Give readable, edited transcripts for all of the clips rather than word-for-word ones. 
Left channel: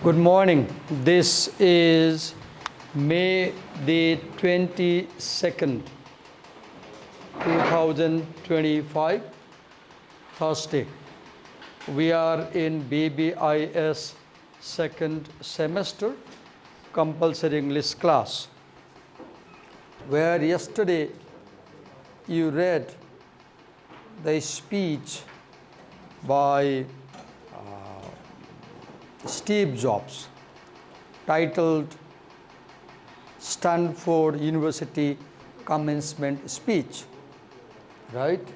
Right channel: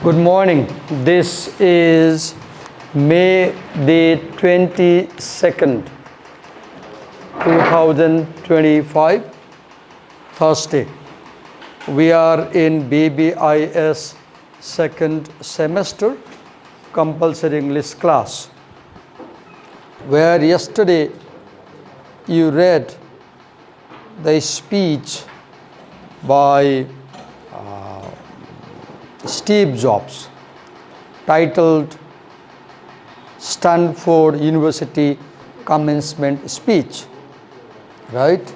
Good morning. This is May the 22nd, 2025, Thursday. We are in BBIS second semester compulsory English class, where yesterday you read the speech by Steve Jobs, titled Stanford University Commencement Speech, right?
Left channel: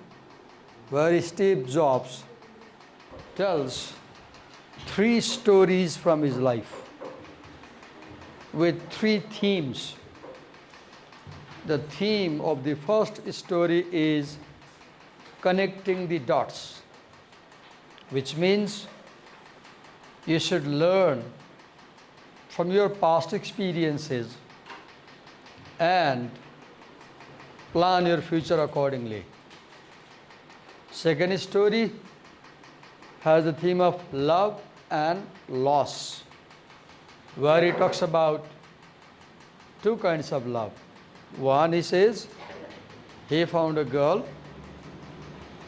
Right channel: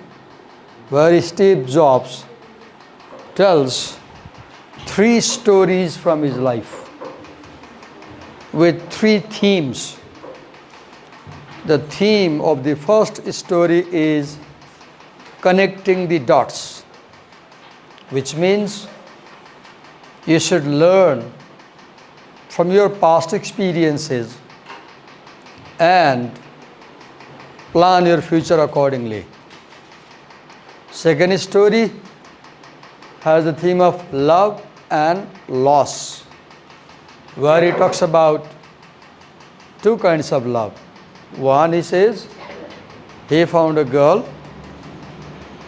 Where Steve Jobs tells three stories from his life with three themes. The theme of the first story is connecting the dots, which means you should learn from your past experiences and plan your future accordingly. Second story has the theme of love and loss, where he talks about two kinds of love. One, he says, he found a girl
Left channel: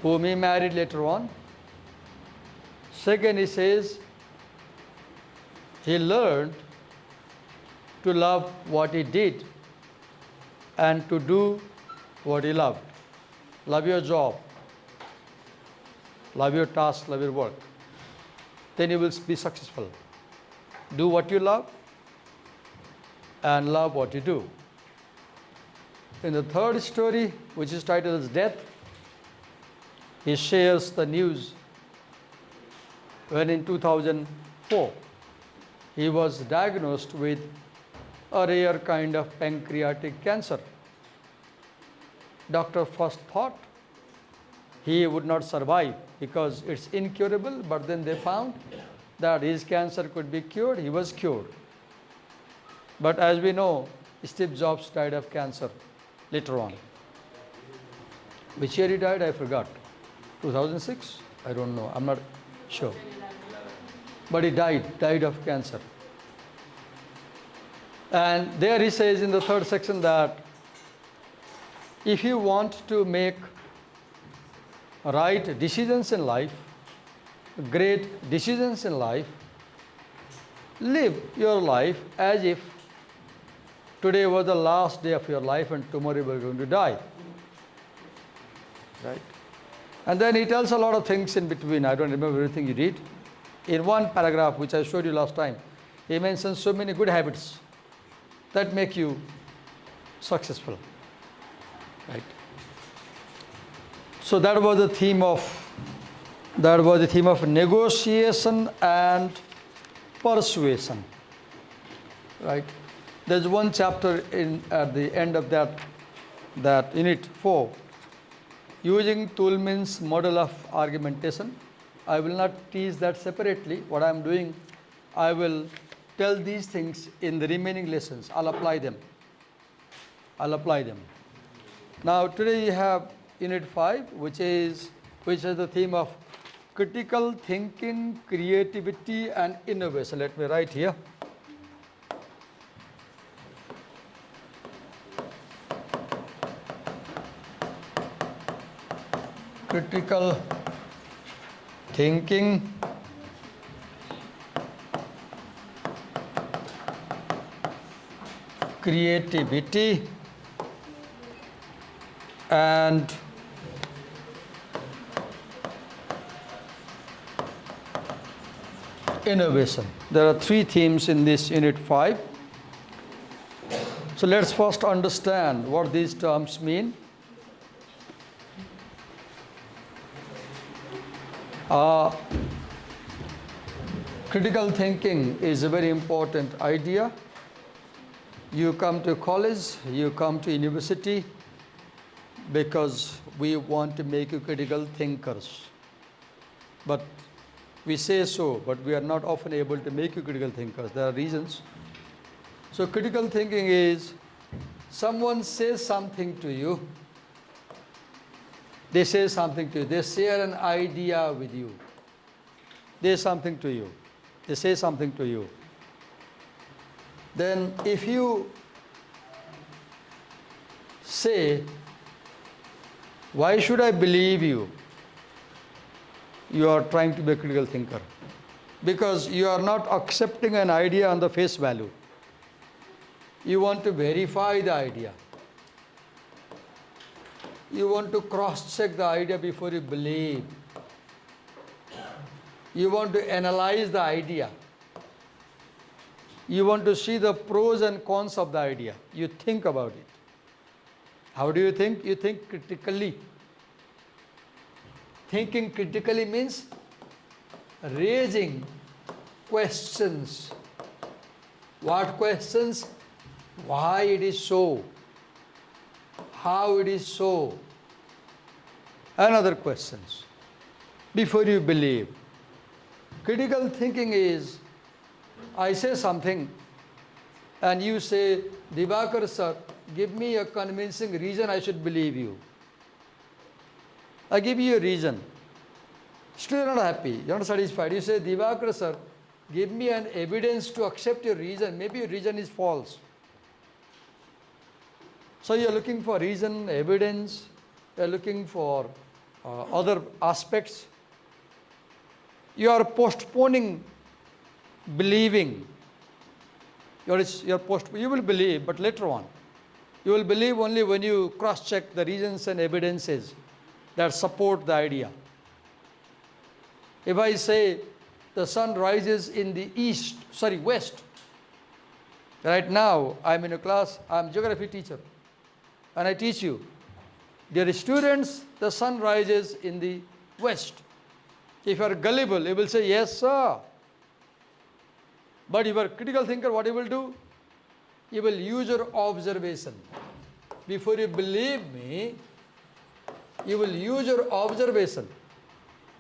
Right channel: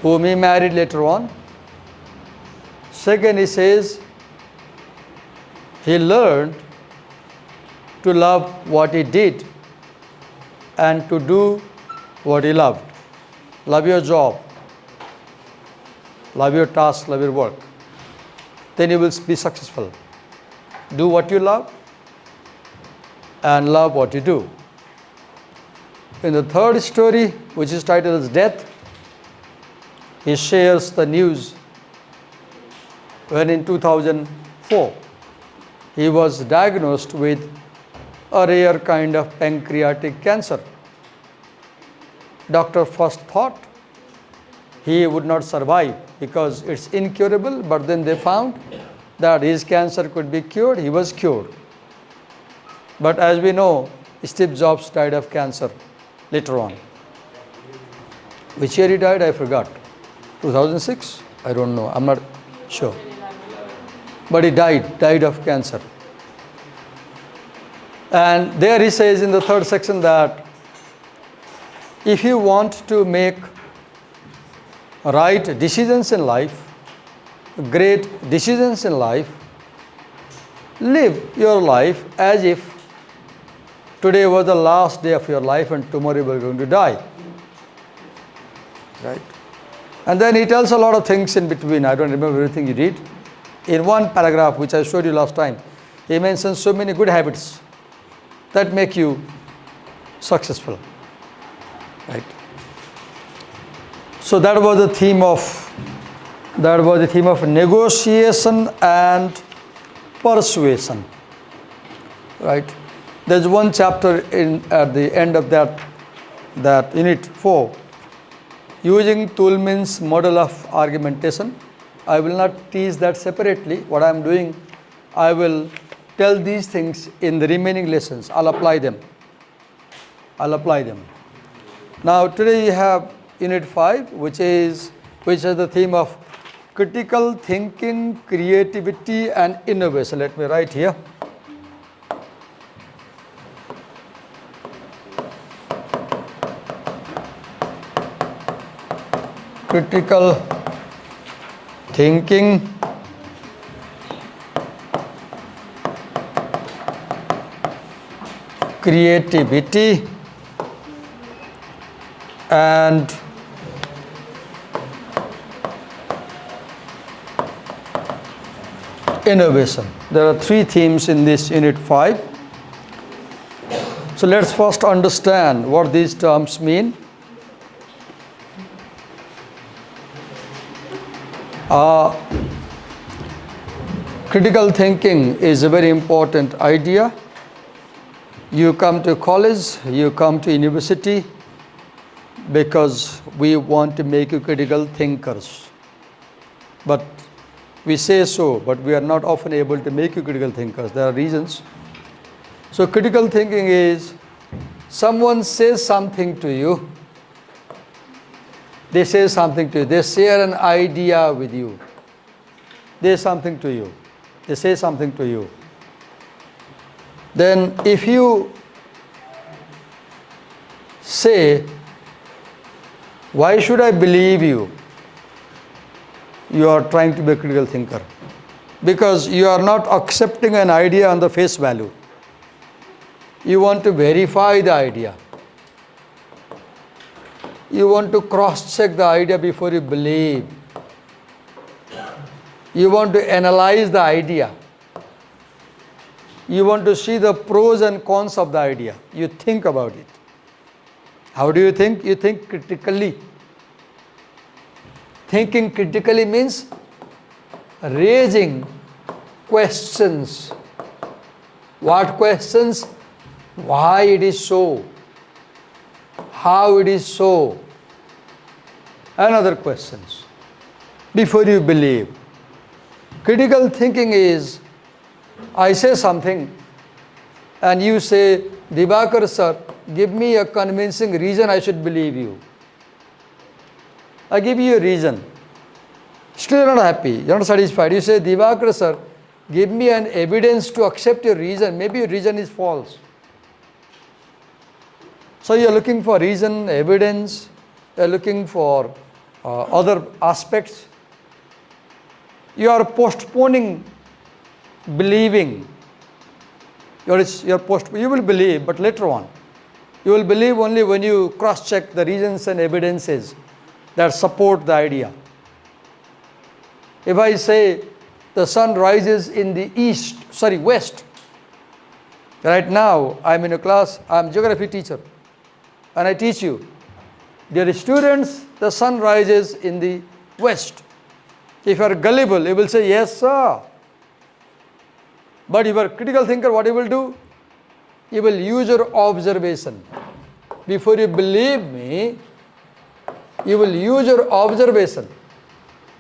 whom he married later on. Second, he says, he learned to love what he did and to do what he loved. Love your job, love your task, love your work. Then you will be successful. Do what you love and love what you do. In the third story, which is titled as Death, he shares the news when in 2004, he was diagnosed with a rare kind of pancreatic cancer. Doctor first thought he would not survive because it's incurable, but then they found that his cancer could be cured. He was cured. But as we know, Steve Jobs died of cancer later on. Which year he died, I forgot. 2006? I don't know. I'm not sure. But he died of cancer. And there he says in the third section that if you want to make right decisions in life, great decisions in life, live your life as if today was the last day of your life and tomorrow you are going to die. Right? And then he tells a lot of things in between. I don't remember everything he did. In one paragraph, which I showed you last time, he mentions so many good habits that make you successful. Right? So that was the theme of negotiation and persuasion. Right? There's one chapter at the end of that unit 4, using Toulmin's model of argumentation. I will not teach that separately. What I am doing, I will tell these things in the remaining lessons. I'll apply them. Now today you have unit 5, which has the theme of critical thinking, creativity and innovation. Let me write here. Critical thinking, creativity and innovation. There are three themes in this unit 5. So let's first understand what these terms mean. Critical thinking is a very important idea. You come to college, you come to university because we want to make you critical thinkers. But we say so, but we are not often able to make you critical thinkers. There are reasons. So critical thinking is someone says something to you. They say something to you. They share an idea with you. They say something to you. Then if you say, why should I believe you? You are trying to be a critical thinker. Because you are not accepting an idea on the face value. You want to verify the idea. You want to cross-check the idea before you believe. You want to analyze the idea. You want to see the pros and cons of the idea. You think about it. How do you think? You think critically. Thinking critically means raising questions. What questions? Why it is so? How it is so? And other questions before you believe. Critical thinking is, I say something and you say, Divakar sir, give me a convincing reason I should believe you. I give you a reason. Still you're not happy, you're not satisfied. You say, Divakar sir, give me an evidence to accept your reason. Maybe your reason is false. So you're looking for reason, evidence, you're looking for other aspects. You are postponing believing. You will believe, but later on. You will believe only when you cross-check the reasons and evidences that support the idea. If I say the sun rises in the west. Right now, I'm in a class, I'm a geography teacher, and I teach you. Dear students, the sun rises in the west. If you are gullible, you will say, yes, sir. But if you are a critical thinker, what you will do? You will use your observation. Before you believe me, you will use your observation.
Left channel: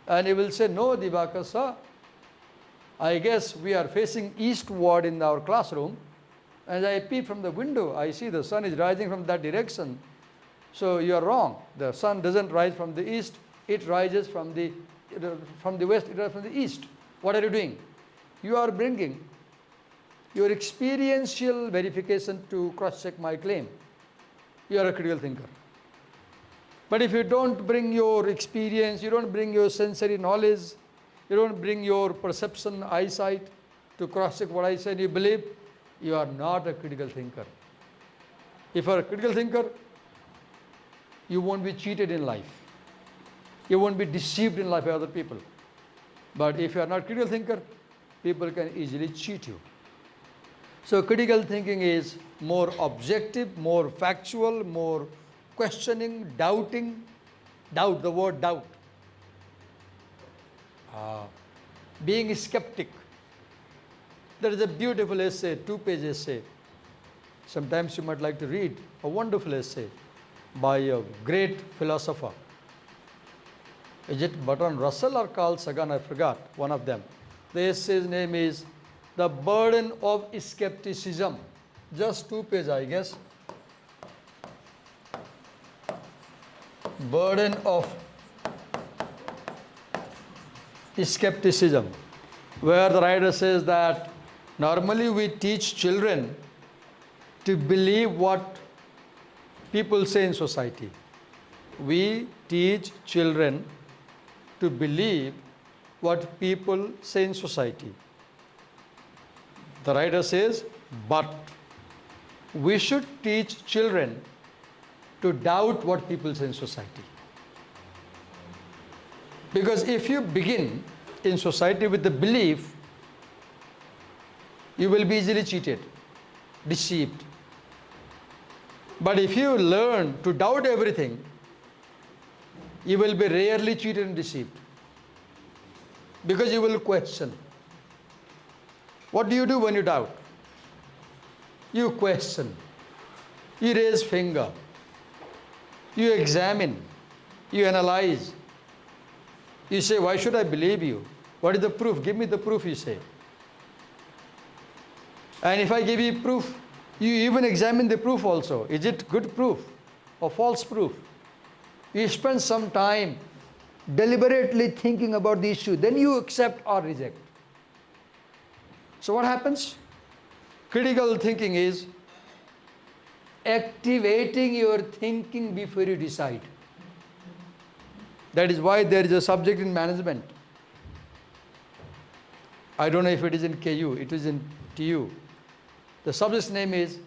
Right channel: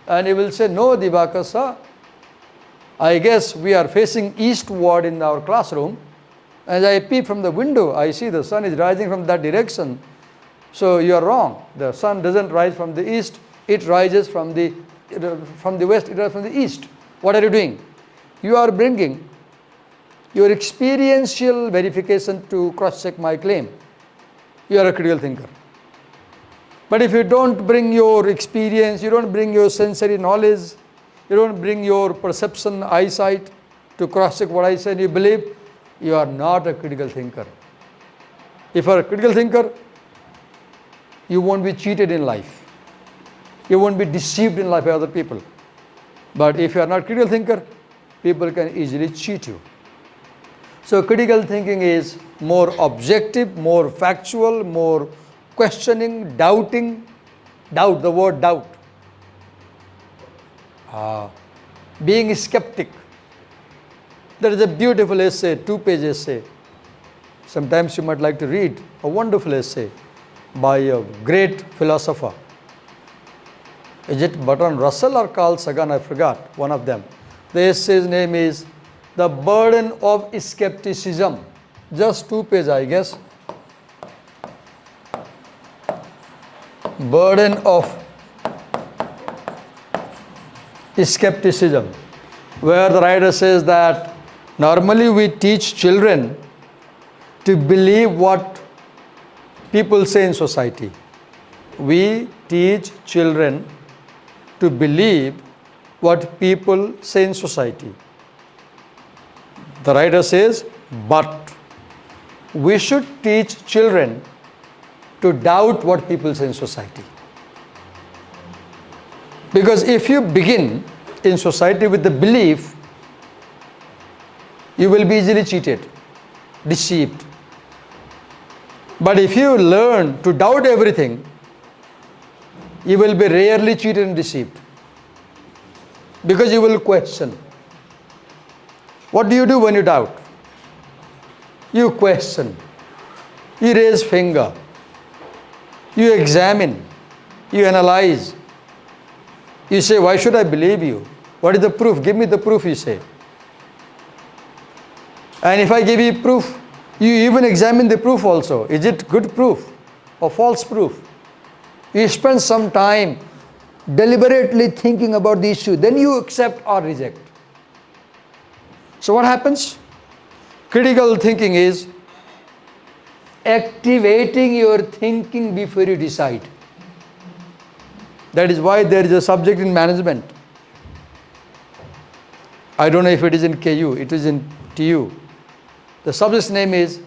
And you will say, no, Divakar sir, I guess we are facing eastward in our classroom. As I peep from the window, I see the sun is rising from that direction. So you are wrong. The sun doesn't rise from the east. It rises from the west, it rises from the east. What are you doing? You are bringing your experiential verification to cross-check my claim. You are a critical thinker. But if you don't bring your experience, you don't bring your sensory knowledge, you don't bring your perception, eyesight to cross-check what I say and you believe, you are not a critical thinker. If you are a critical thinker, you won't be cheated in life. You won't be deceived in life by other people. But if you are not a critical thinker, people can easily cheat you. So critical thinking is more objective, more factual, more questioning, doubting. Doubt, the word doubt. Being skeptic. There is a beautiful essay, 2-page essay. Sometimes you might like to read a wonderful essay by a great philosopher. Is it Bertrand Russell or Carl Sagan? I forgot, one of them. The essay's name is The Burden of Skepticism. Just 2 pages, I guess. Burden of Skepticism, where the writer says that normally we teach children to believe what people say in society. We teach children to believe what people say in society. The writer says, but we should teach children to doubt what people say in society. Because if you begin in society with the belief, you will be easily cheated, deceived. But if you learn to doubt everything, you will be rarely cheated and deceived. Because you will question. What do you do when you doubt? You question. You raise finger. You examine. You analyze. You say, why should I believe you? What is the proof? Give me the proof, you say. And if I give you proof, you even examine the proof also. Is it good proof or false proof? You spend some time deliberately thinking about the issue. Then you accept or reject. So what happens? Critical thinking is activating your thinking before you decide. That is why there is a subject in management. I don't know if it is in KU, it is in TU. The subject's name is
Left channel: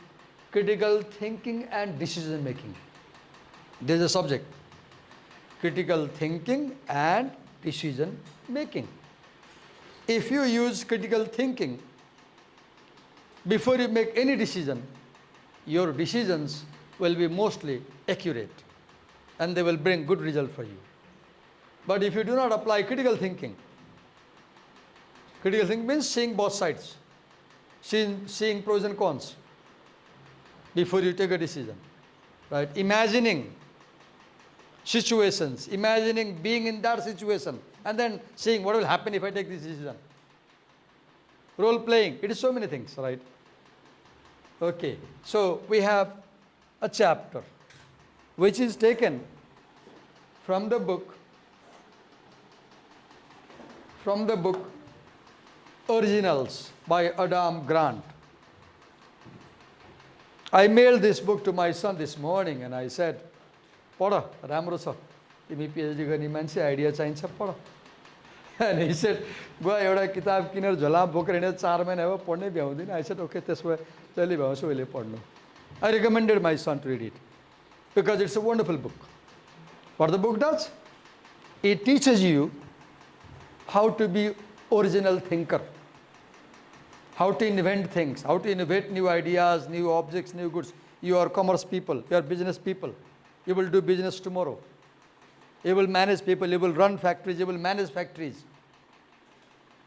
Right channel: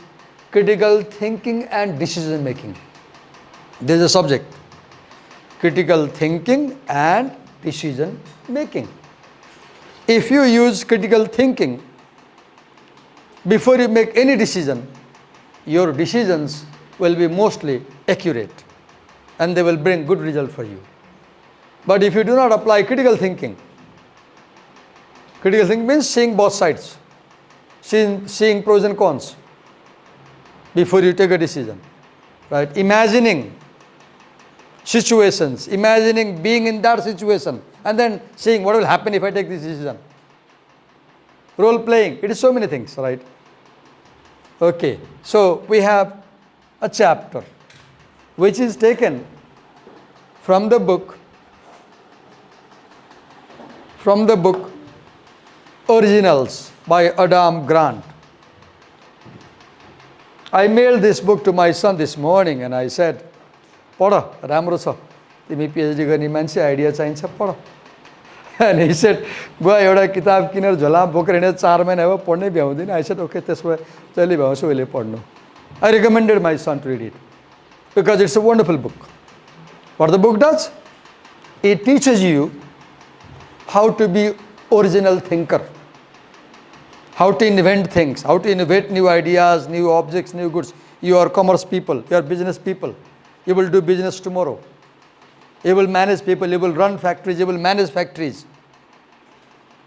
critical thinking and decision making. There is a subject, critical thinking and decision making. If you use critical thinking before you make any decision, your decisions will be mostly accurate and they will bring good result for you. But if you do not apply critical thinking means seeing both sides, seeing pros and cons before you take a decision, right? Imagining situations, imagining being in that situation and then seeing what will happen if I take this decision. Role playing, it is so many things, right? Okay, so we have a chapter which is taken from the book Originals by Adam Grant. I mailed this book to my son this morning and I said, "Pada, राम्रो छ, तिमी PhD गर्ने मान्छे, idea चाहिन्छ, पढ." And he said, "Goa एउटा किताब किनेर झोलामा बोकेर हिँडेर 4 महिना भयो, पढ्नै भ्याउँदिन." I said, "Okay, त्यसो भए जहिले भ्याउँछु उहिले पढ्नु." I recommended my son to read it because it's a wonderful book. What the book does? It teaches you how to be original thinker, how to invent things, how to innovate new ideas, new objects, new goods. You are commerce people, you are business people. You will do business tomorrow. You will manage people, you will run factories, you will manage factories.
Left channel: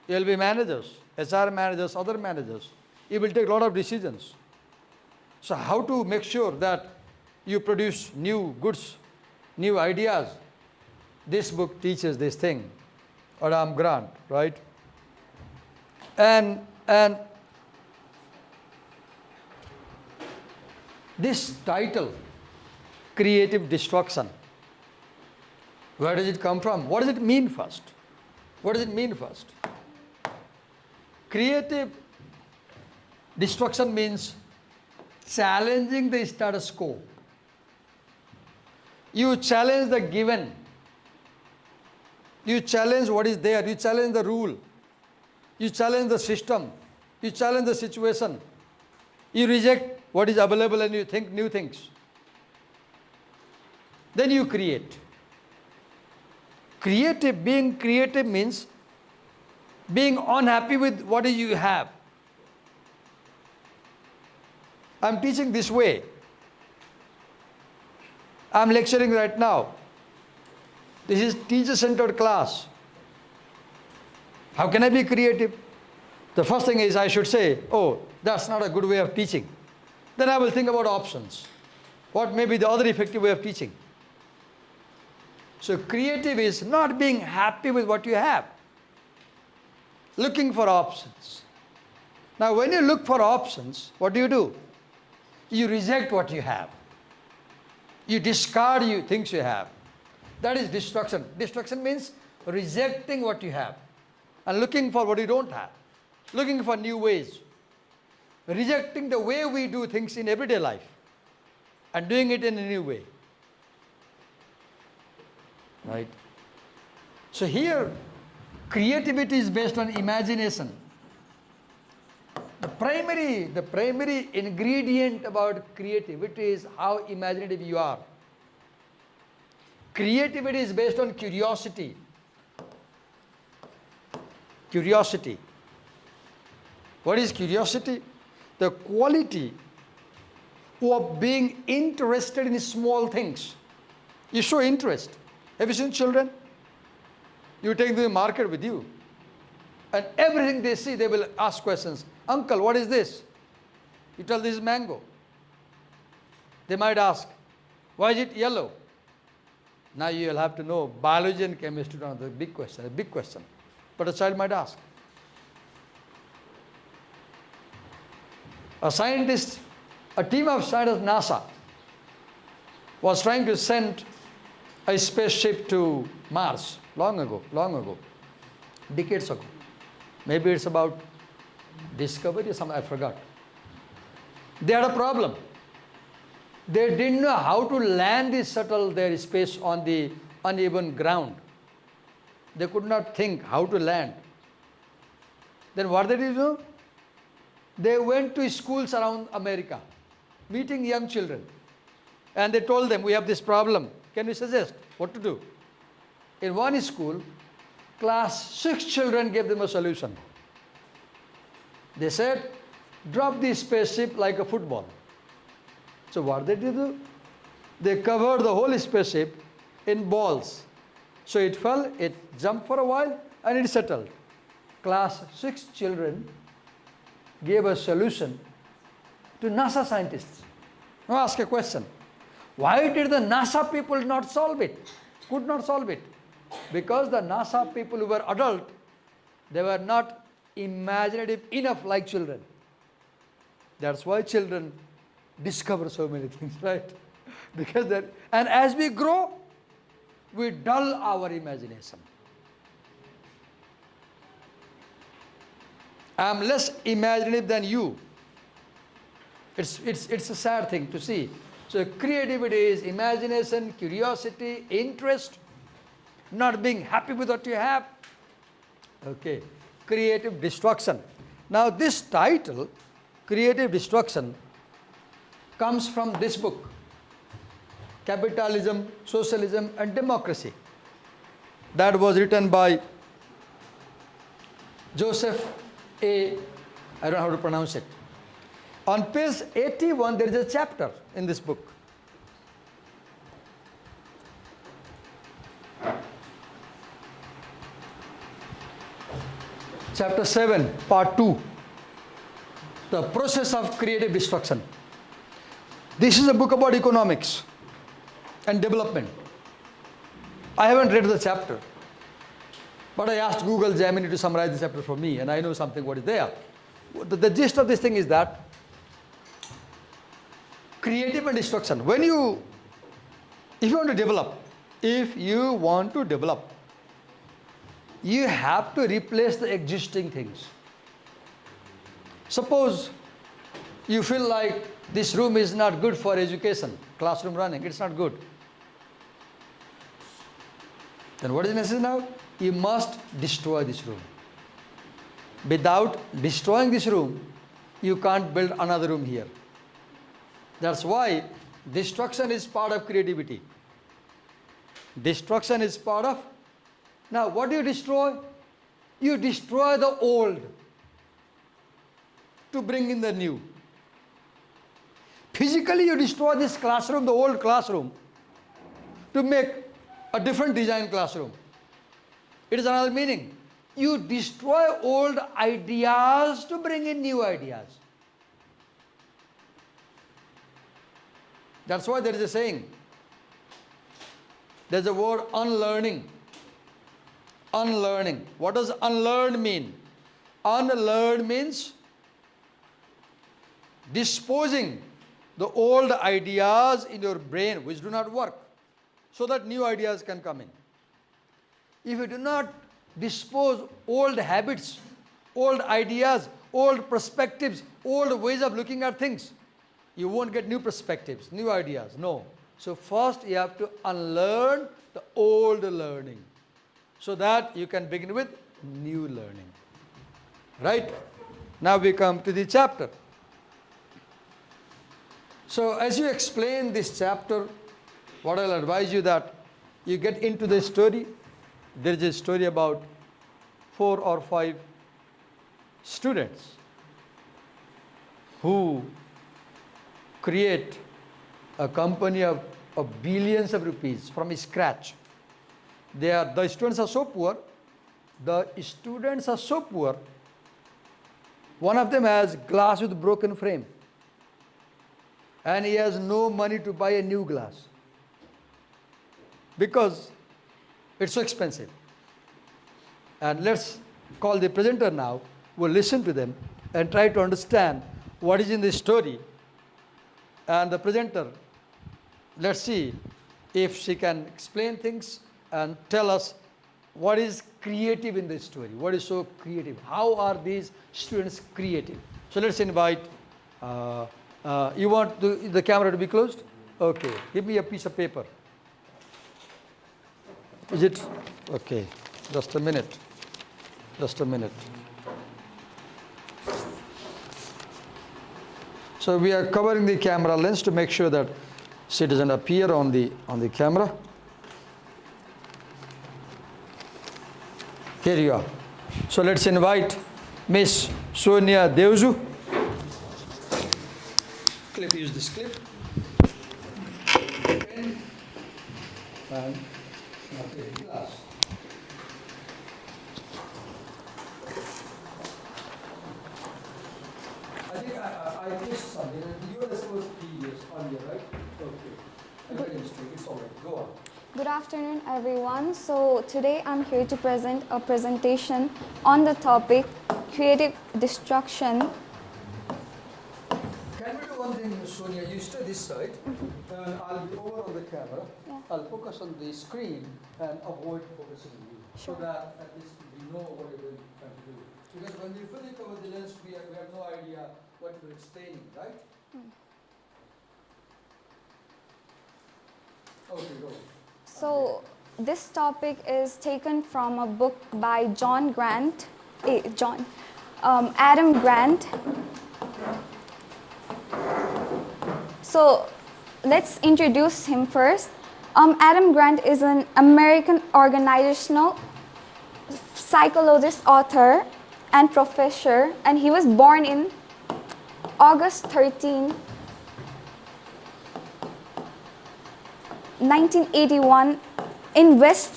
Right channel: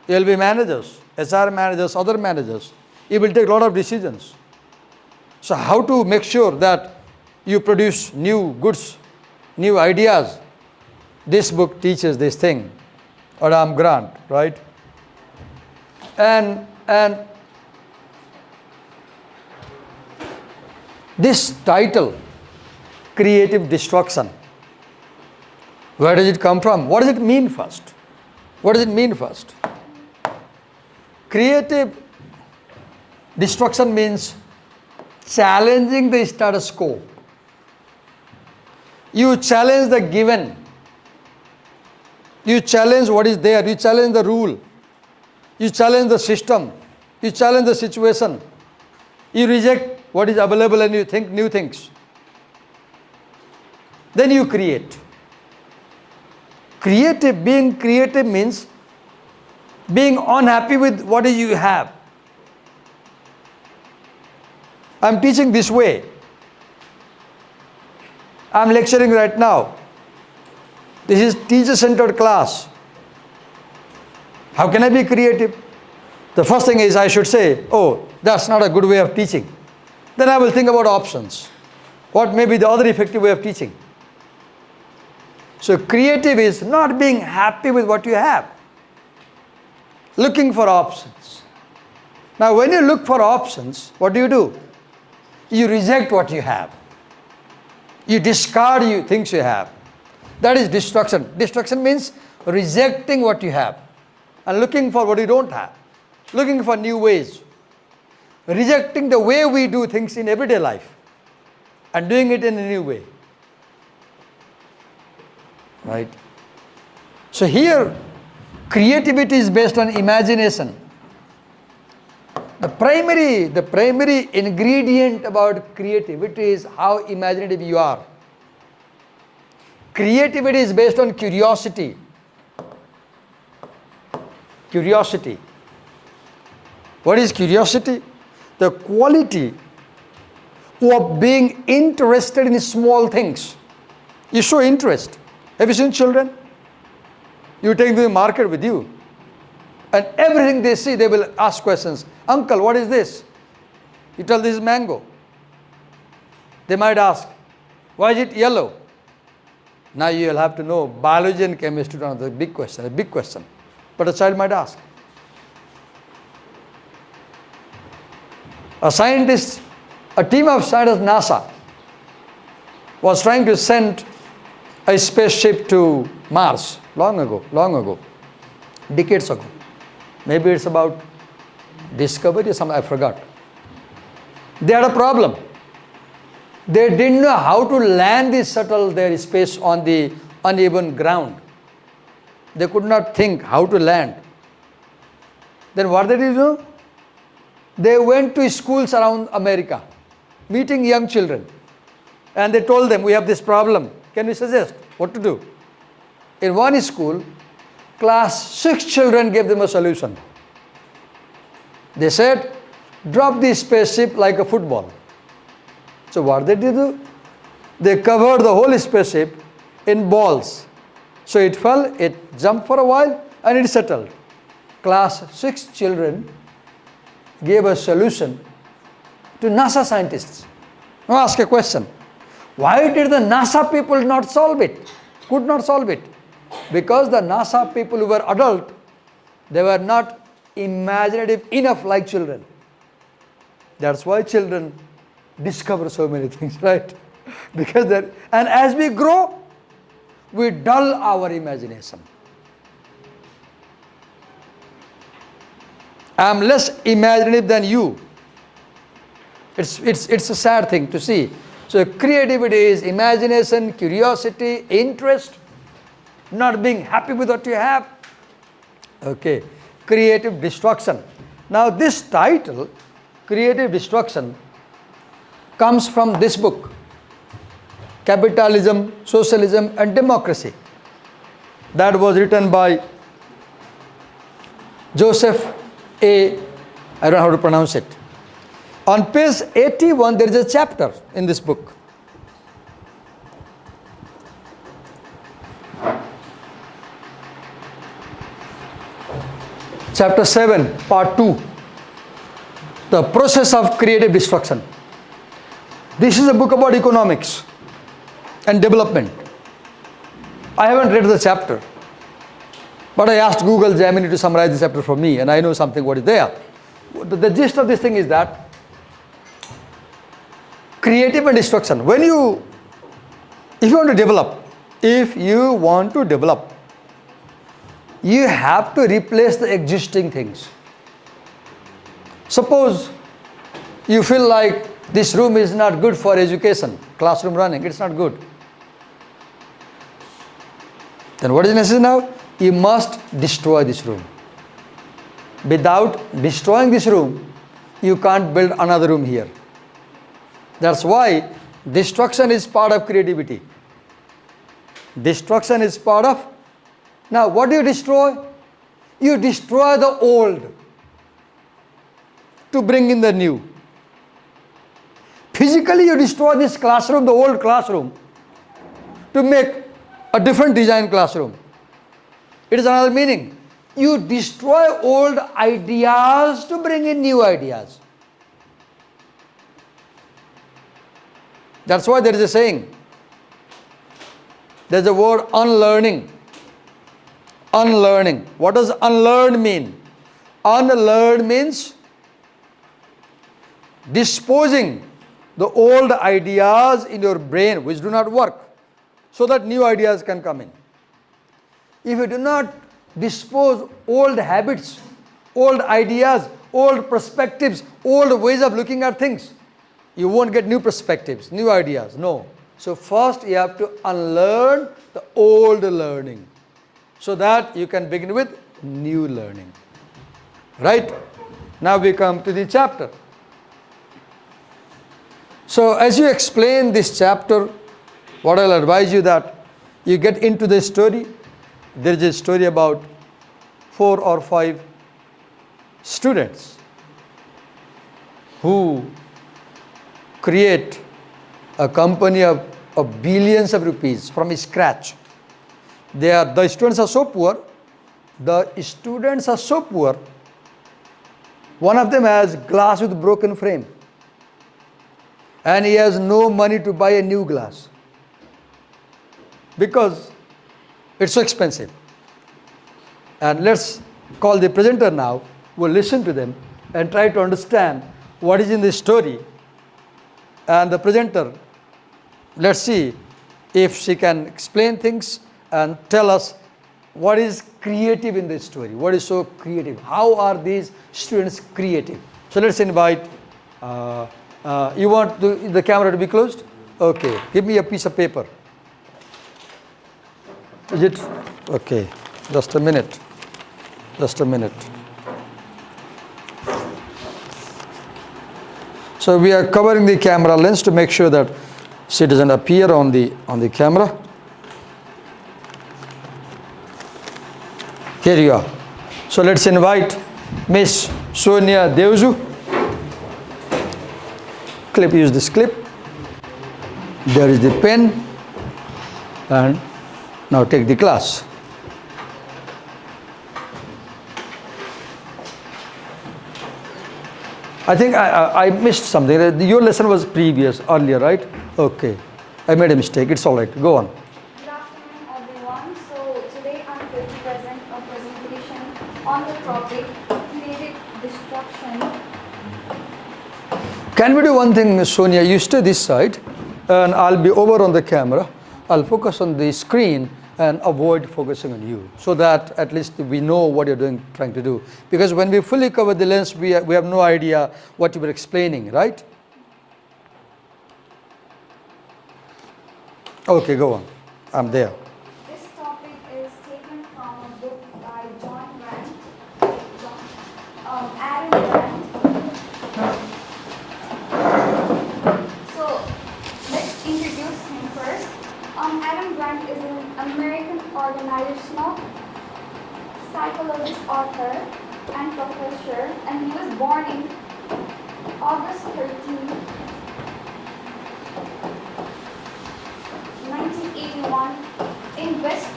You will be managers, HR managers, other managers. You will take a lot of decisions. So how to make sure that you produce new goods, new ideas? This book teaches this thing. Adam Grant, right? And this title, Creative Destruction, where does it come from? What does it mean first? What does it mean first? Creative destruction means challenging the status quo. You challenge the given. You challenge what is there. You challenge the rule. You challenge the system. You challenge the situation. You reject what is available and you think new things. Then you create. Being creative means being unhappy with what you have. I'm teaching this way. I'm lecturing right now. This is teacher-centered class. How can I be creative? The first thing is I should say, oh, that's not a good way of teaching. Then I will think about options. What may be the other effective way of teaching? So creative is not being happy with what you have. Looking for options. Now when you look for options, what do? You reject what you have. You discard things you have. That is destruction. Destruction means rejecting what you have and looking for what you don't have. Looking for new ways. Rejecting the way we do things in everyday life and doing it in a new way. Right? So here, creativity is based on imagination. The primary ingredient about creativity is how imaginative you are. Creativity is based on curiosity. Curiosity. What is curiosity? The quality of being interested in small things. You show interest. Have you seen children? You take them to the market with you, and everything they see, they will ask questions. Uncle, what is this? You tell this is mango. They might ask, why is it yellow? Now you will have to know biology and chemistry are the big question. But a child might ask. A team of scientists, NASA, was trying to send a spaceship to Mars long ago, decades ago. Maybe it's about discovery or something, I forgot. They had a problem. They didn't know how to land the shuttle, their space on the uneven ground. They could not think how to land. Then what did they do? They went to schools around America, meeting young children. And they told them, we have this problem. Can you suggest what to do? In one school, class 6 children gave them a solution. They said, drop the spaceship like a football. So what did they do? They covered the whole spaceship in balls. So it fell, it jumped for a while, and it settled. Class 6 children gave a solution to NASA scientists. Now ask a question. Why did the NASA people not solve it? Could not solve it? Because the NASA people who were adult, they were not imaginative enough like children. That's why children discover so many things, right? Because and as we grow, we dull our imagination. I'm less imaginative than you. It's a sad thing to see. So creativity is imagination, curiosity, interest, not being happy with what you have. Okay, creative destruction. Now this title, Creative Destruction, comes from this book, Capitalism, Socialism and Democracy. That was written by Joseph A. I don't know how to pronounce it. On page 81, there is a chapter in this book. Chapter 7, part 2. The process of creative destruction. This is a book about economics and development. I haven't read the chapter, but I asked Google Gemini to summarize the chapter for me, and I know something what is there. The gist of this thing is that creative and destruction. If you want to develop, you have to replace the existing things. Suppose you feel like this room is not good for education, classroom running, it's not good. Then what is necessary now? You must destroy this room. Without destroying this room, you can't build another room here. That's why destruction is part of creativity. Destruction is part of... Now, what do you destroy? You destroy the old to bring in the new. Physically, you destroy this classroom, the old classroom, to make a different design classroom. It is another meaning. You destroy old ideas to bring in new ideas. That's why there is a saying. There's a word unlearning. Unlearning. What does unlearn mean? Unlearn means disposing the old ideas in your brain which do not work, so that new ideas can come in. If you do not dispose old habits, old ideas, old perspectives, old ways of looking at things, you won't get new perspectives, new ideas. No. So first you have to unlearn the old learning, so that you can begin with new learning. Right? Now we come to the chapter. So as you explain this chapter, what I'll advise you that you get into the story. There is a story about 4 or 5 students who create a company of billions of rupees from scratch. The students are so poor. One of them has glass with broken frame, and he has no money to buy a new glass because it's so expensive. And let's call the presenter now. We'll listen to them and try to understand what is in this story. And the presenter, let's see if she can explain things and tell us what is creative in this story. What is so creative? How are these students creative? So let's invite You want the camera to be closed? Okay, give me a piece of paper. Is it? Okay, just a minute. Just a minute. So we are covering the camera lens to make sure that she doesn't appear on the camera. Here you are. So let's invite Miss Sonia Deuzu. Use this clip. There is the pen. And now take the class. I think I missed something. Your lesson was earlier, right? Okay. I made a mistake. It's all right. Go on. Good afternoon, everyone. So today I'm here to present a presentation on the topic creative destruction. Can we do one thing, Sonia? You stay this side, and I'll be over on the camera. I'll focus on the screen and avoid focusing on you, so that at least we know what you're trying to do. Because when we fully cover the lens, we have no idea what you were explaining, right? Okay, go on. I'm there. This topic is taken from a book by Adam Grant. So let's introduce him first. Adam Grant is an American organizational psychologist, author, and professor, and he was born in August 13, 1981 in West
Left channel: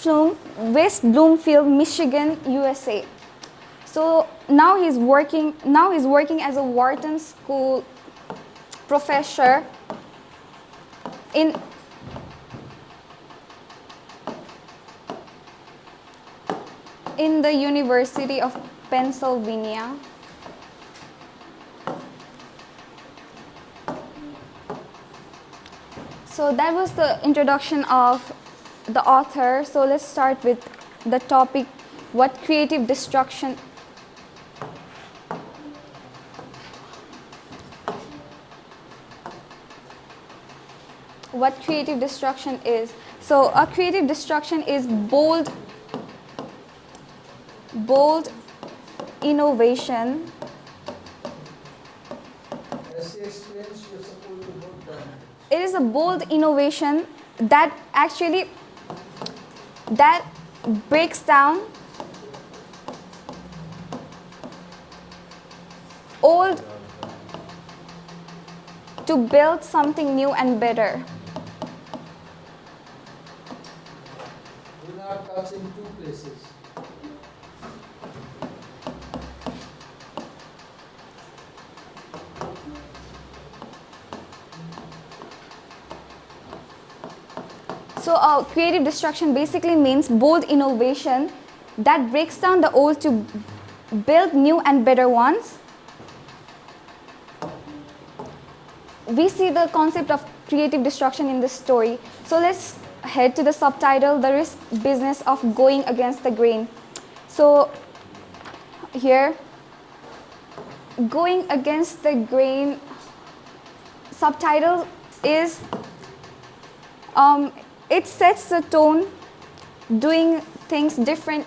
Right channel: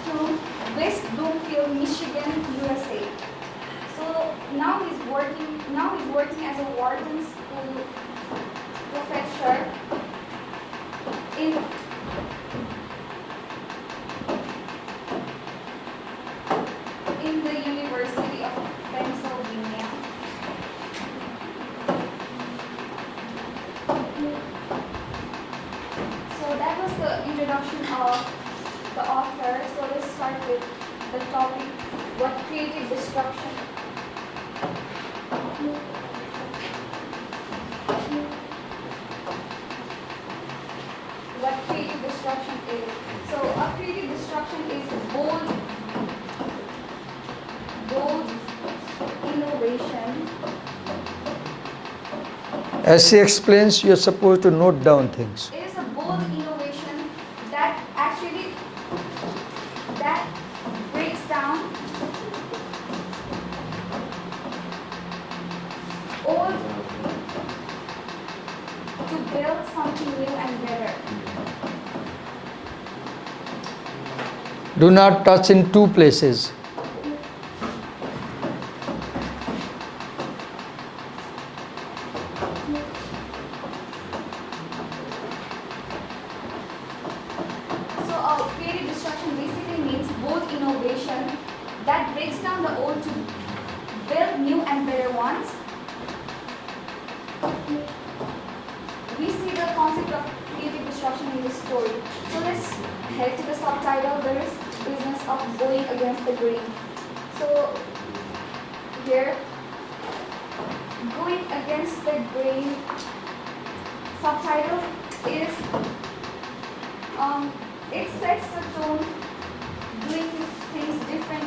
Bloomfield, Michigan, USA. So now he's working as a Wharton School professor in the University of Pennsylvania. So that was the introduction of the author. So let's start with the topic, what creative destruction is. So a creative destruction is bold innovation. As she explains, you're supposed to note down things. It is a bold innovation that breaks down old to build something new and better. Do not touch in two places. So creative destruction basically means bold innovation that breaks down the old to build new and better ones. We see the concept of creative destruction in this story. So let's head to the subtitle, The Risk Business of Going Against the Grain. So here, going against the grain, subtitle is, it sets the tone, doing things differently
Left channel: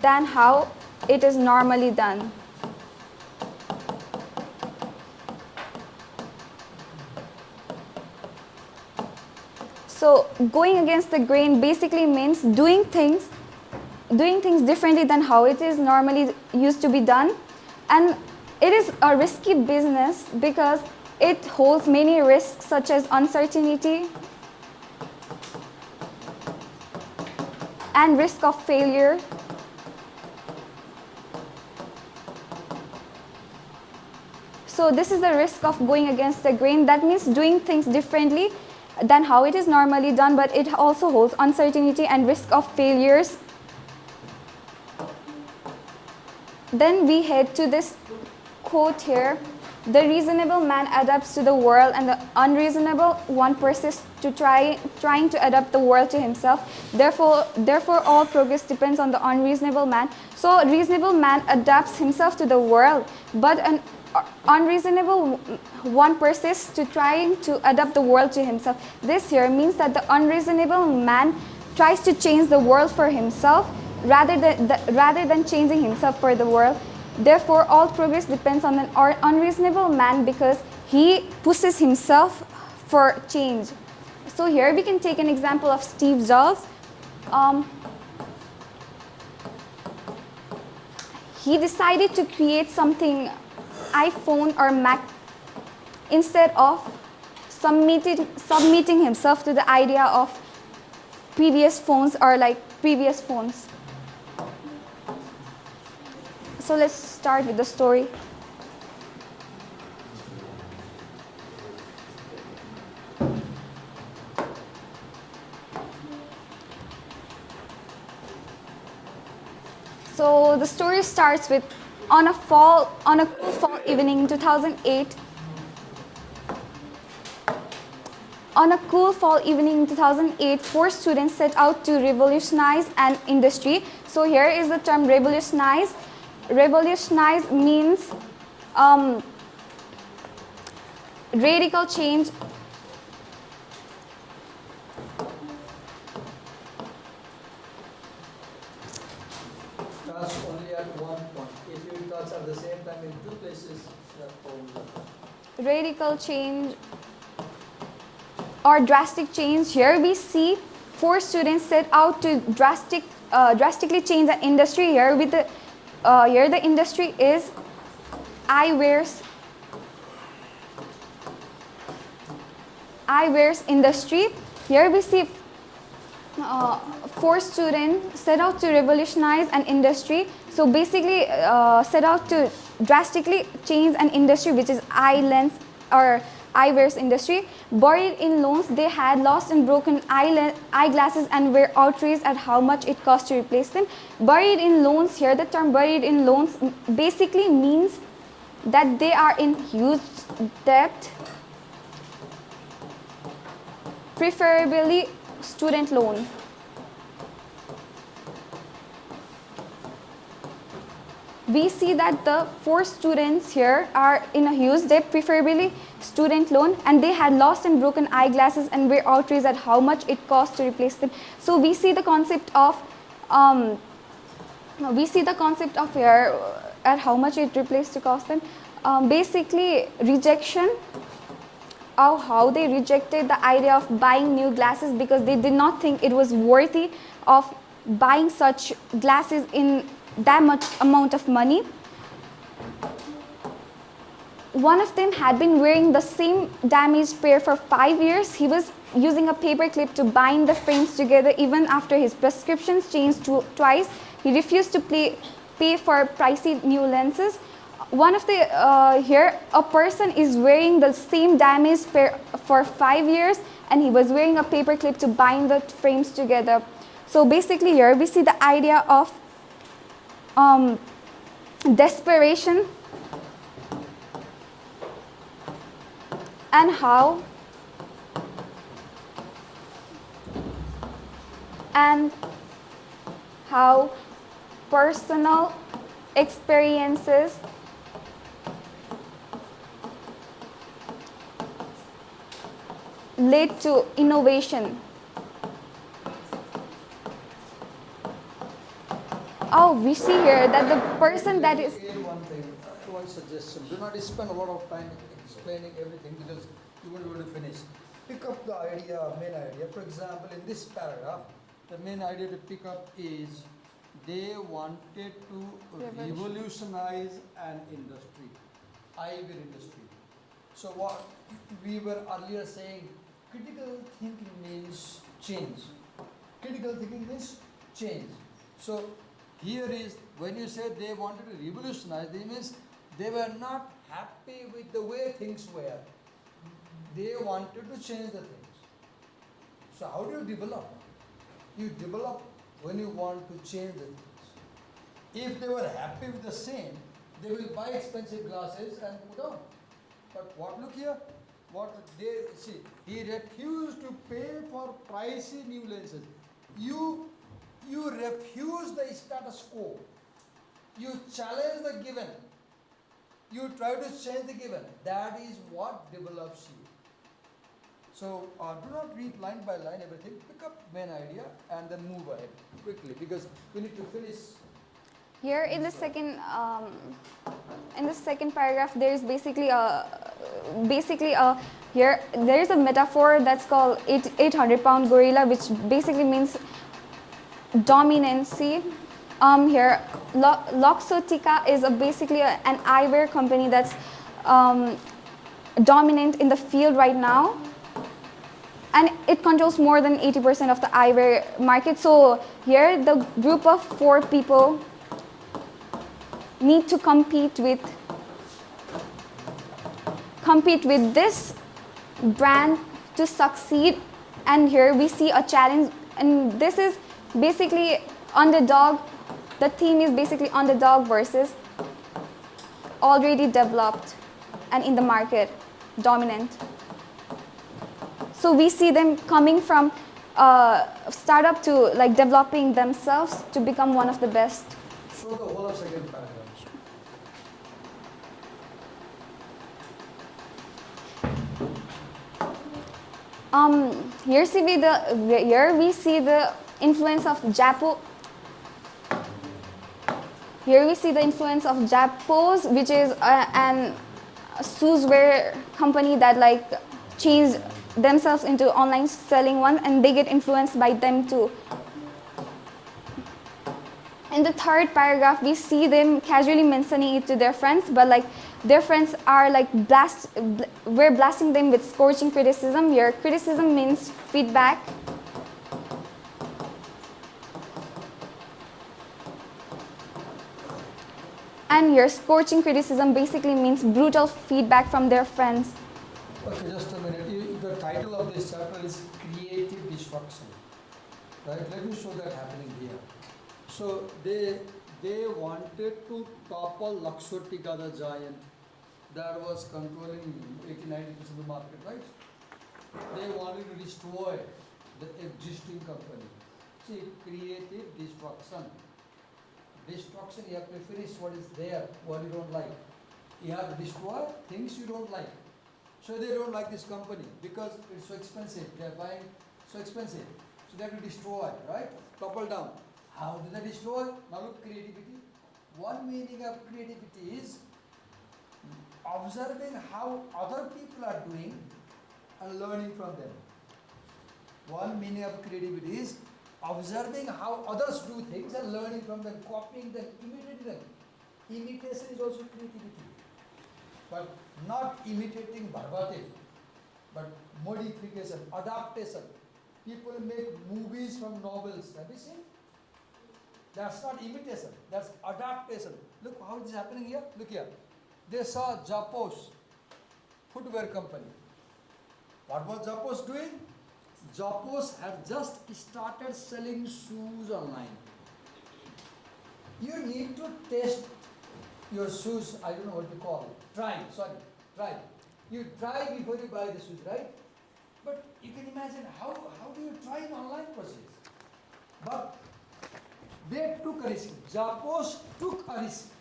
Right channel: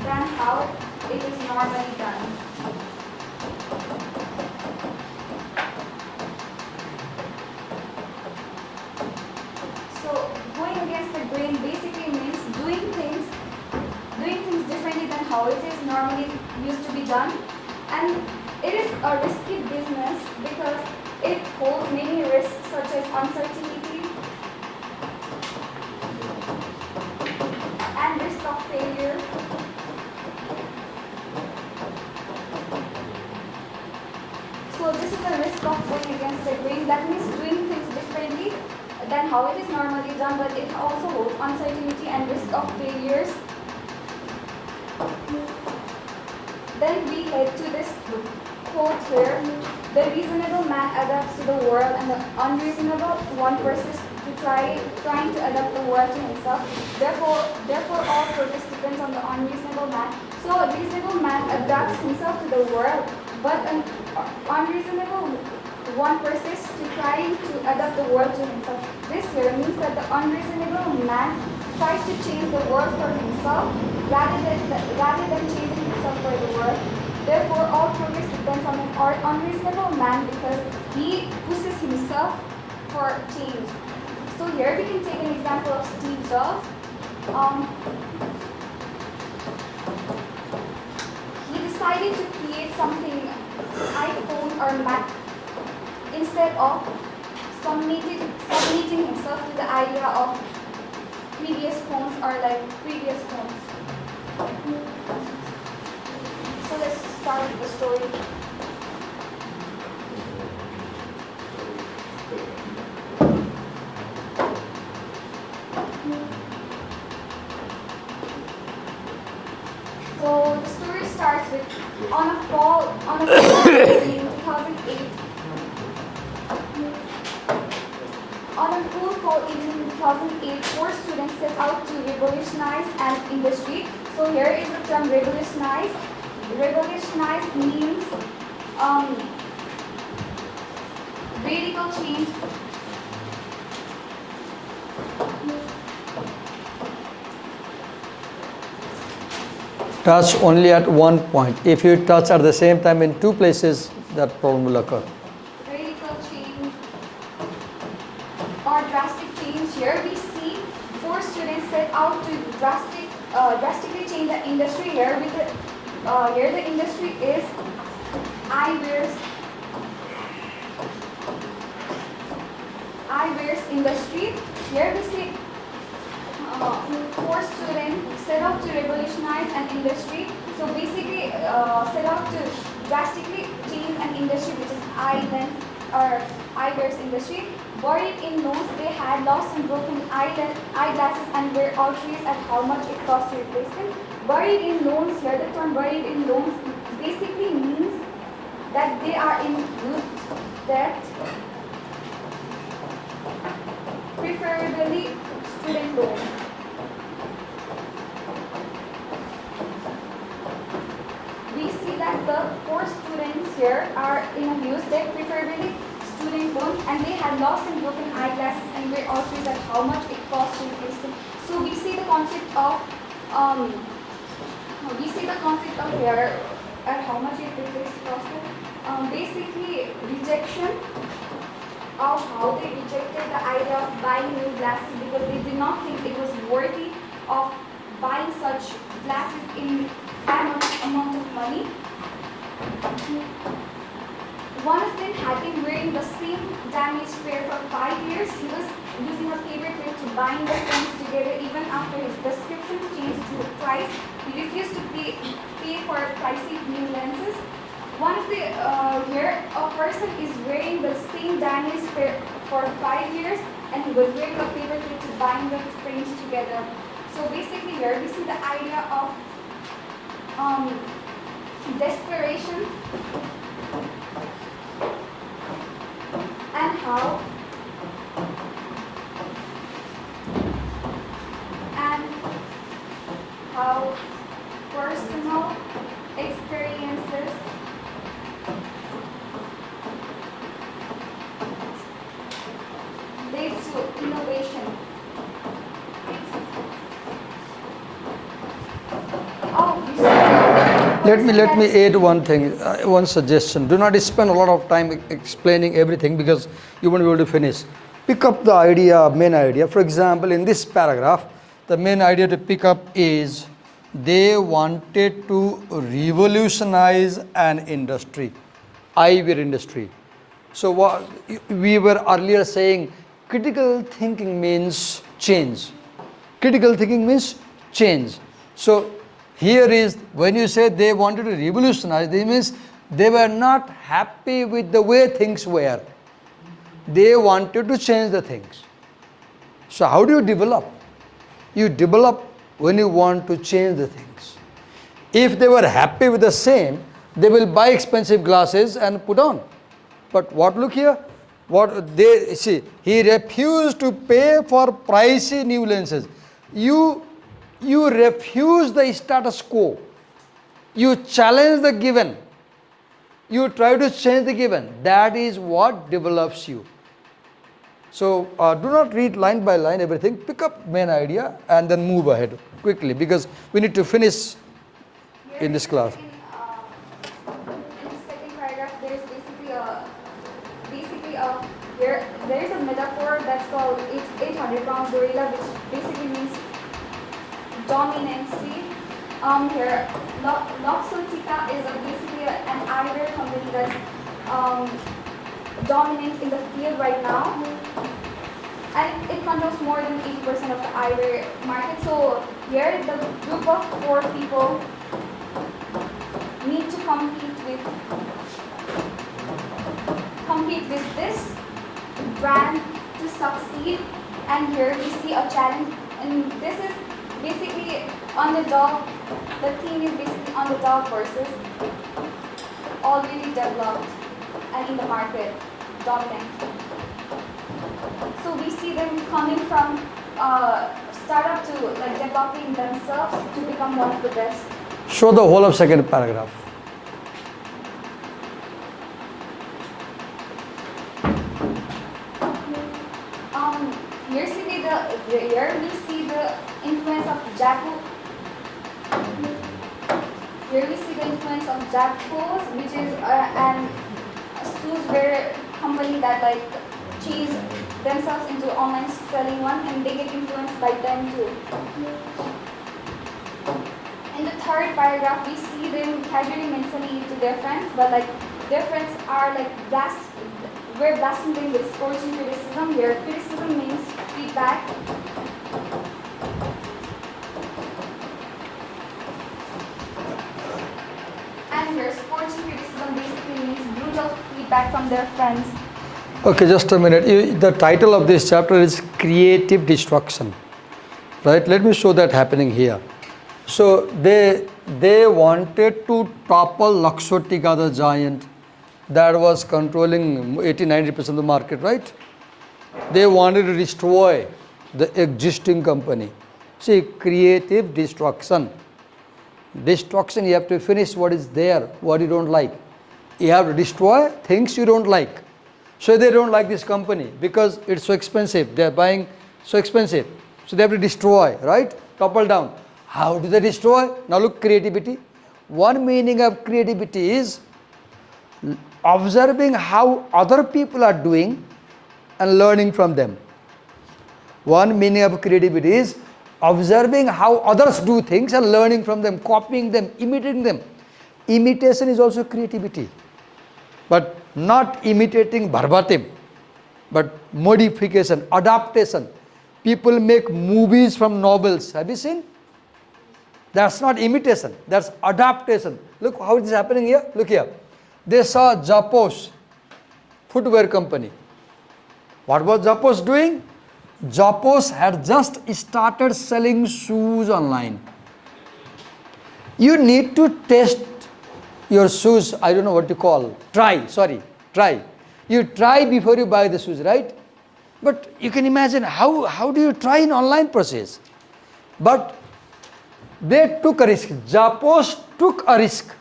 than how it is normally done. So going against the grain basically means doing things differently than how it is normally used to be done. And it is a risky business because it holds many risks such as uncertainty and risk of failure. So this is the risk of going against the grain. That means doing things differently than how it is normally done, but it also holds uncertainty and risk of failures. Then we head to this quote here, the reasonable man adapts to the world and the unreasonable one persists to trying to adapt the world to himself. Therefore all progress depends on the unreasonable man. So a reasonable man adapts himself to the world, but an unreasonable one persists to trying to adapt the world to himself. This here means that the unreasonable man tries to change the world for himself rather than changing himself for the world. Therefore, all progress depends on an unreasonable man because he pushes himself for change. So here we can take an example of Steve Jobs. He decided to create something, iPhone or Mac, instead of submitting himself to the idea of previous phones or like previous phones. So let's start with the story. So the story starts with on a cool evening in 2008. On a cool fall evening in 2008, 4 students set out to revolutionize an industry. So here is the term revolutionize. Revolutionize means radical change. Touch only at one point. If you touch at the same time in 2 places, that problem will occur. Radical change or drastic change. Here we see 4 students set out to drastically change the industry. Here with here the industry is eyewears industry. Here we see 4 students set out to revolutionize an industry. So basically set out to drastically change an industry which is eye lens or eyewears industry. Buried in loans, they had lost and broken eyeglasses and were outraged at how much it cost to replace them. Buried in loans, here the term buried in loans basically means that they are in huge debt, preferably student loan. We see that the 4 students here are in a huge debt, preferably student loan, and they had lost and broken eyeglasses and were outraged at how much it cost to replace them. So we see the concept of here at how much it replaced to cost them. Basically rejection of how they rejected the idea of buying new glasses because they did not think it was worthy of buying such glasses in that much amount of money. One of them had been wearing the same damaged pair for 5 years. He was using a paper clip to bind the frames together even after his prescriptions changed twice. He refused to pay for pricey new lenses. One of the here a person is wearing the same damaged pair for 5 years and he was wearing a paper clip to bind the frames together. So basically here we see the idea of desperation and how personal experiences lead to innovation. Oh, we see here that the person Let me add one thing, one suggestion. Do not spend a lot of time explaining everything because you won't be able to finish. Pick up the idea, main idea. For example, in this paragraph, the main idea to pick up is they wanted to revolutionize an industry, eyewear industry. So what we were earlier saying, critical thinking means change. Critical thinking means change. So here is when you say they wanted to revolutionize, it means they were not happy with the way things were. They wanted to change the things. So how do you develop? You develop when you want to change the things. If they were happy with the same, They will buy expensive glasses and put on. But what, look here, what they see, he refused to pay for pricey new lenses. You refuse the status quo. You challenge the given. You try to change the given. That is what develops you. So do not read line by line everything. Pick up main idea and then move ahead quickly, because we need to finish Here in this class. In the second paragraph, there is basically here there is a metaphor that's called 800-pound gorilla, which basically means dominancy. Here, Luxottica is basically an eyewear company that's dominant in the field right now, and it controls more than 80% of the eyewear market. So here, the group of 4 people need to compete with this brand to succeed. And here we see a challenge, and this is basically underdog. The theme is basically underdog versus already developed and in the market dominant. So we see them coming from startup to like developing themselves to become one of the best. Show the whole of second paragraph. Here we see the influence of Japo. Here we see the influence of Japos, which is an shoeswear company that like changed themselves into online selling one, and they get influenced by them too. In the third paragraph, we see them casually mentioning it to their friends, but like their friends are like we're blasting them with scorching criticism. Here, criticism means feedback. And here, scorching criticism basically means brutal feedback from their friends. Okay, just a minute. The title of this chapter is Creative Destruction, right? Let me show that happening here. So they wanted to topple Luxottica, the giant that was controlling 80-90% of the market, right? They wanted to destroy the existing company. See, creative destruction. Destruction, you have to finish what is there, what you don't like. You have to destroy things you don't like. So they don't like this company because it's so expensive. They are buying so expensive. So they have to destroy, right? Topple down. How do they destroy? Now look, creativity. One meaning of creativity is observing how other people are doing and learning from them. One meaning of creativity is observing how others do things and learning from them, copying them, imitating them. Imitation is also creativity, but not imitating verbatim, but modification, adaptation. People make movies from novels. Have you seen? That's not imitation, that's adaptation. Look how it is happening here. Look here. They saw Zappos, footwear company. What was Zappos doing? Zappos had just started selling shoes online. You need to test your shoes, I don't know what to call, try. You try before you buy the shoes, right? But you can imagine how do you try in online process? But they took a risk. Zappos took a risk.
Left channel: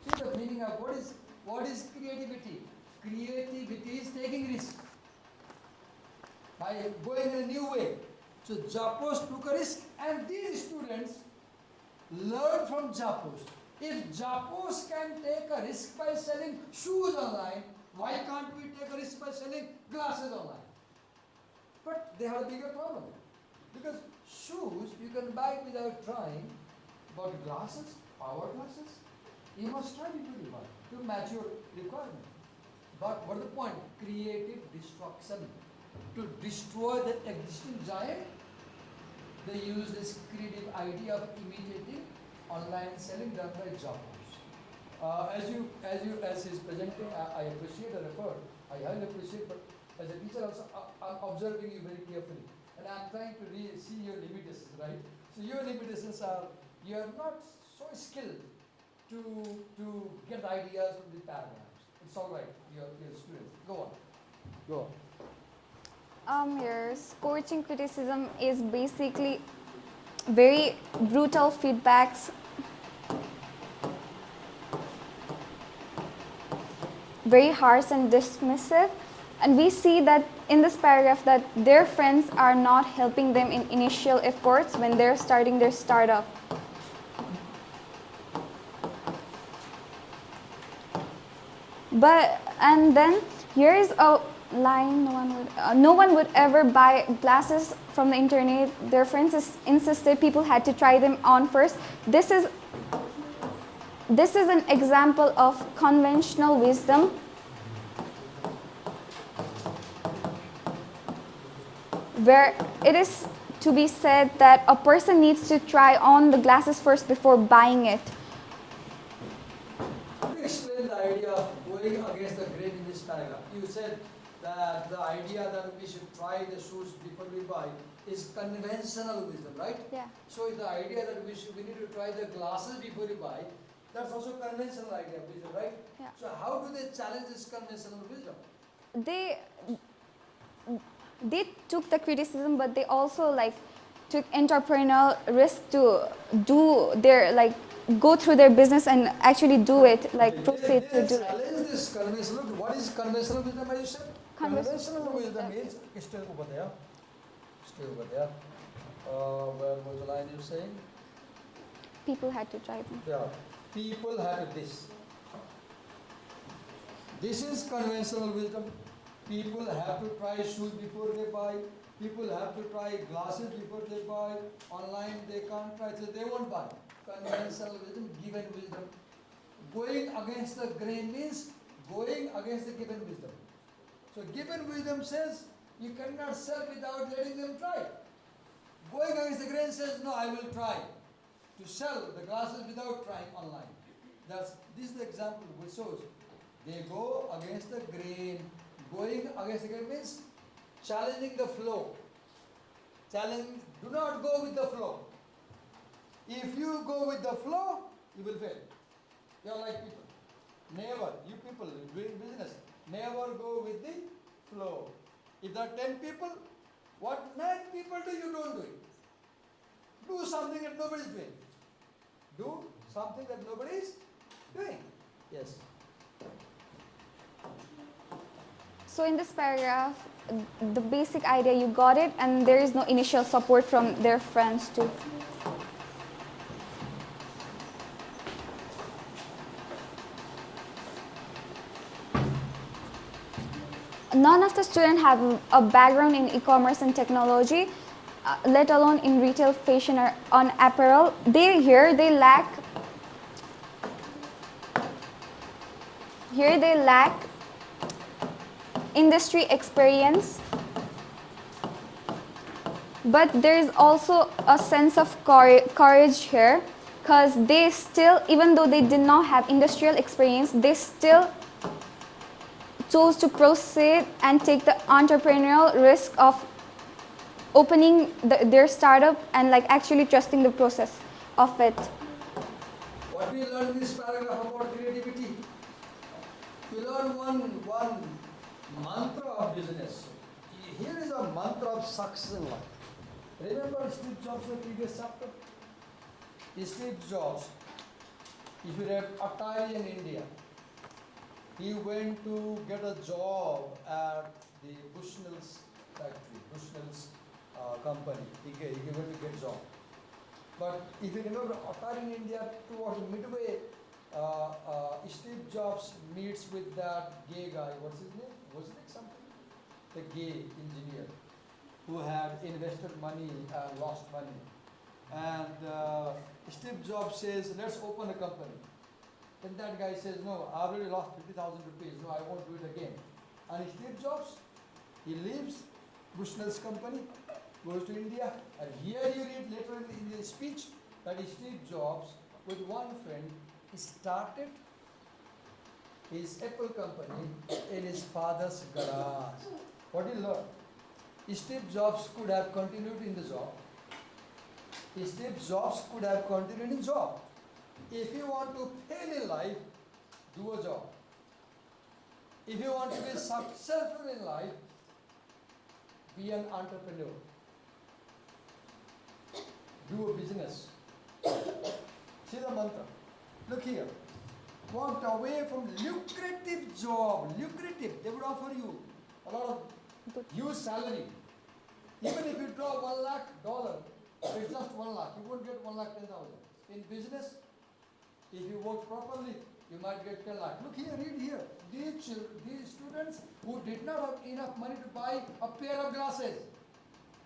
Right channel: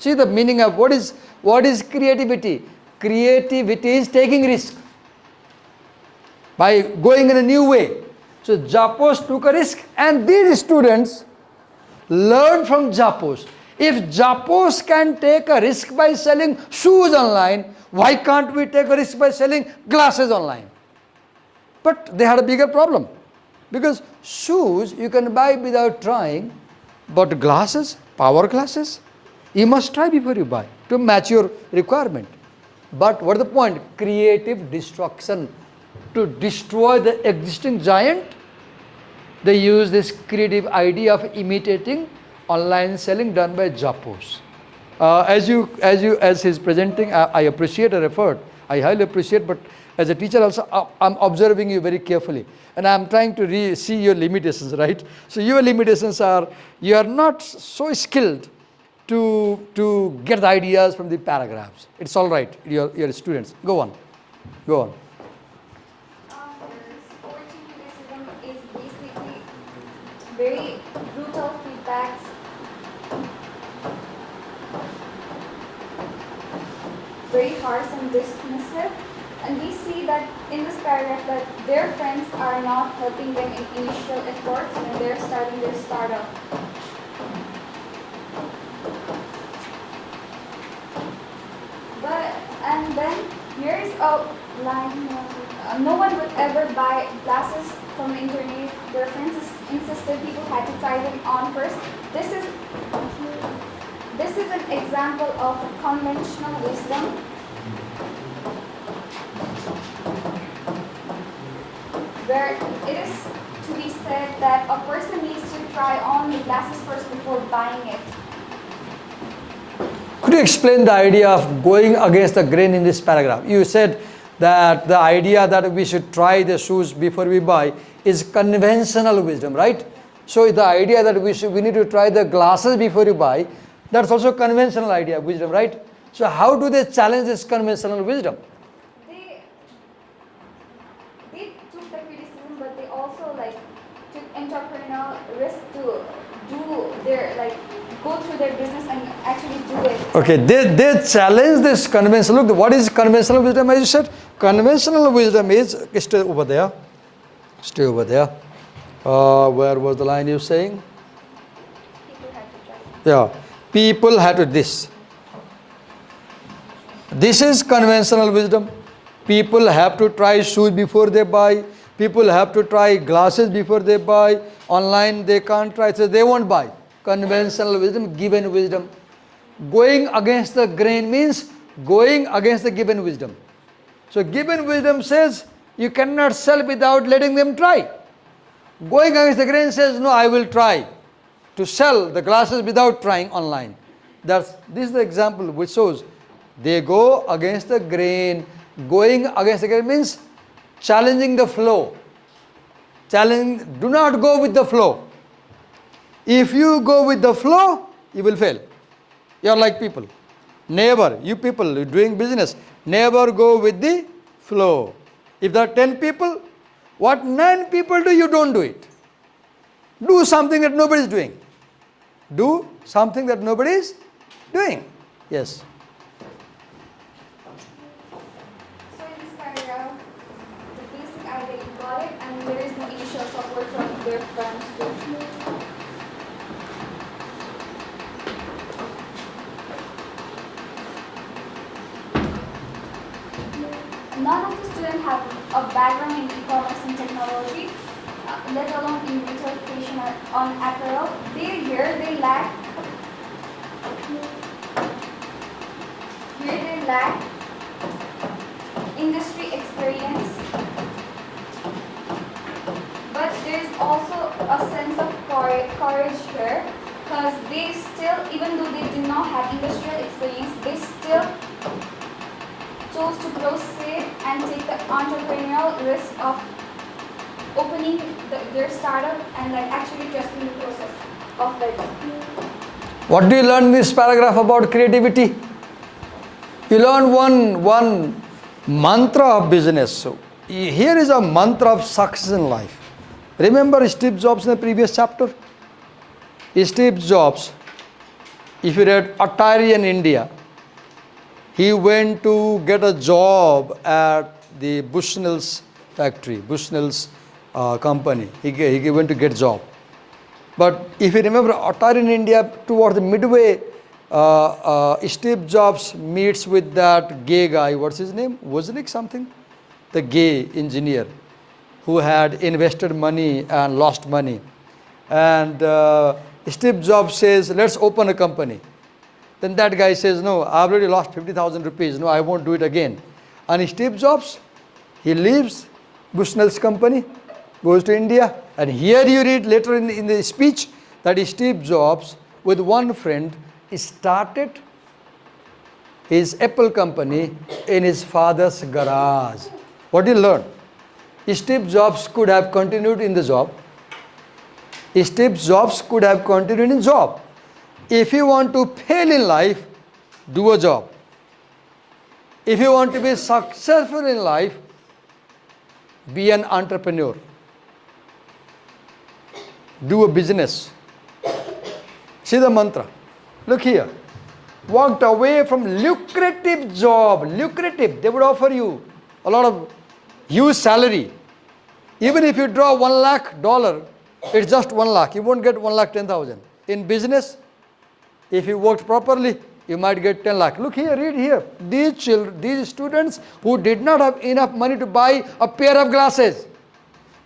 See the meaning of what is creativity? Creativity is taking risk by going in a new way. So Zappos took a risk, and these students learn from Zappos. If Zappos can take a risk by selling shoes online, why can't we take a risk by selling glasses online? But they had a bigger problem, because shoes you can buy without trying, but glasses, power glasses, you must try before you buy to match your requirement. But what is the point? Creative destruction. To destroy the existing giant, they use this creative idea of imitating online selling done by Zappos. As he's presenting, I appreciate your effort. I highly appreciate, but as a teacher also, I'm observing you very carefully, and I'm trying to see your limitations, right? So your limitations are, you are not so skilled to get the ideas from the paragraphs. It's all right, your students. Go on. Go on. Your scorching criticism is basically very brutal feedbacks, very harsh and dismissive. And we see that in this paragraph that their friends are not helping them in initial efforts when they're starting their startup. And then here is a line, no one would ever buy glasses from the internet. Their friends insisted people had to try them on first. This is an example of conventional wisdom. Where it is to be said that a person needs to try on the glasses first before buying it. Could you explain the idea of going against the grain in this paragraph? You said that the idea that we should try the shoes before we buy is conventional wisdom, right? Yeah. So the idea that we need to try the glasses before you buy, that's also conventional idea, wisdom, right? Yeah. So how do they challenge this conventional wisdom? They took the criticism, but they also took entrepreneurial risk to do their go through their business and actually do it. Okay, they challenge this conventional. Look, what is conventional wisdom? As you said, conventional wisdom is stay over there. Stay over there. Where was the line you saying? People had to try it. Yeah, people had to this. This is conventional wisdom. People have to try shoes before they buy. People have to try glasses before they buy. Online they can't try, so they won't buy. Conventional wisdom, given wisdom. Going against the grain means going against the given wisdom. So given wisdom says you cannot sell without letting them try. Going against the grain says no, I will try to sell the glasses without trying online. This is the example which shows they go against the grain. Going against the grain means challenging the flow. Do not go with the flow. If you go with the flow, you will fail. You are like people. Never, you people doing business, never go with the flow. If there are 10 people, what 9 people do, you don't do it. Do something that nobody is doing. Do something that nobody is doing. Yes. So in this paragraph, the basic idea, you got it, and there is no initial support from their friends too. None of the students have a background in e-commerce and technology, let alone in retail, fashion, or on apparel. They lack industry experience, but there is also a sense of courage here, because they still, even though they did not have industrial experience, they still chose to proceed and take the entrepreneurial risk of opening their startup and actually trusting the process of it. What do you learn in this paragraph about creativity? You learn one mantra of business. So here is a mantra of success in life. Remember Steve Jobs in the previous chapter? Steve Jobs, if you read Atari in India, he went to get a job at the Bushnell's factory, Bushnell's company. He went to get a job. But if you remember Atari in India, towards the midway, Steve Jobs meets with that gay guy, what's his name? Wozniak something? The gay engineer who had invested money and lost money. And Steve Jobs says, let's open a company. Then that guy says, no, I've already lost 50,000 rupees. No, I won't do it again. And Steve Jobs, he leaves Bushnell's company, goes to India. And here you read later in the speech that Steve Jobs, with one friend, started his Apple company in his father's garage. What did you learn? Steve Jobs could have continued in the job. Steve Jobs could have continued in job if you want to fail in life, do a job. If you want to be successful in life, be an entrepreneur. Do a business. See the mantra. Look here. Walked away from lucrative job. Lucrative. They would offer you a lot of huge salary. Even if you draw $1 lakh, it's just 1 lakh. You won't get 1,10,000. In business, if you worked properly, you might get 10 lakh. Look here, read here. These students who did not have enough money to buy a pair of glasses,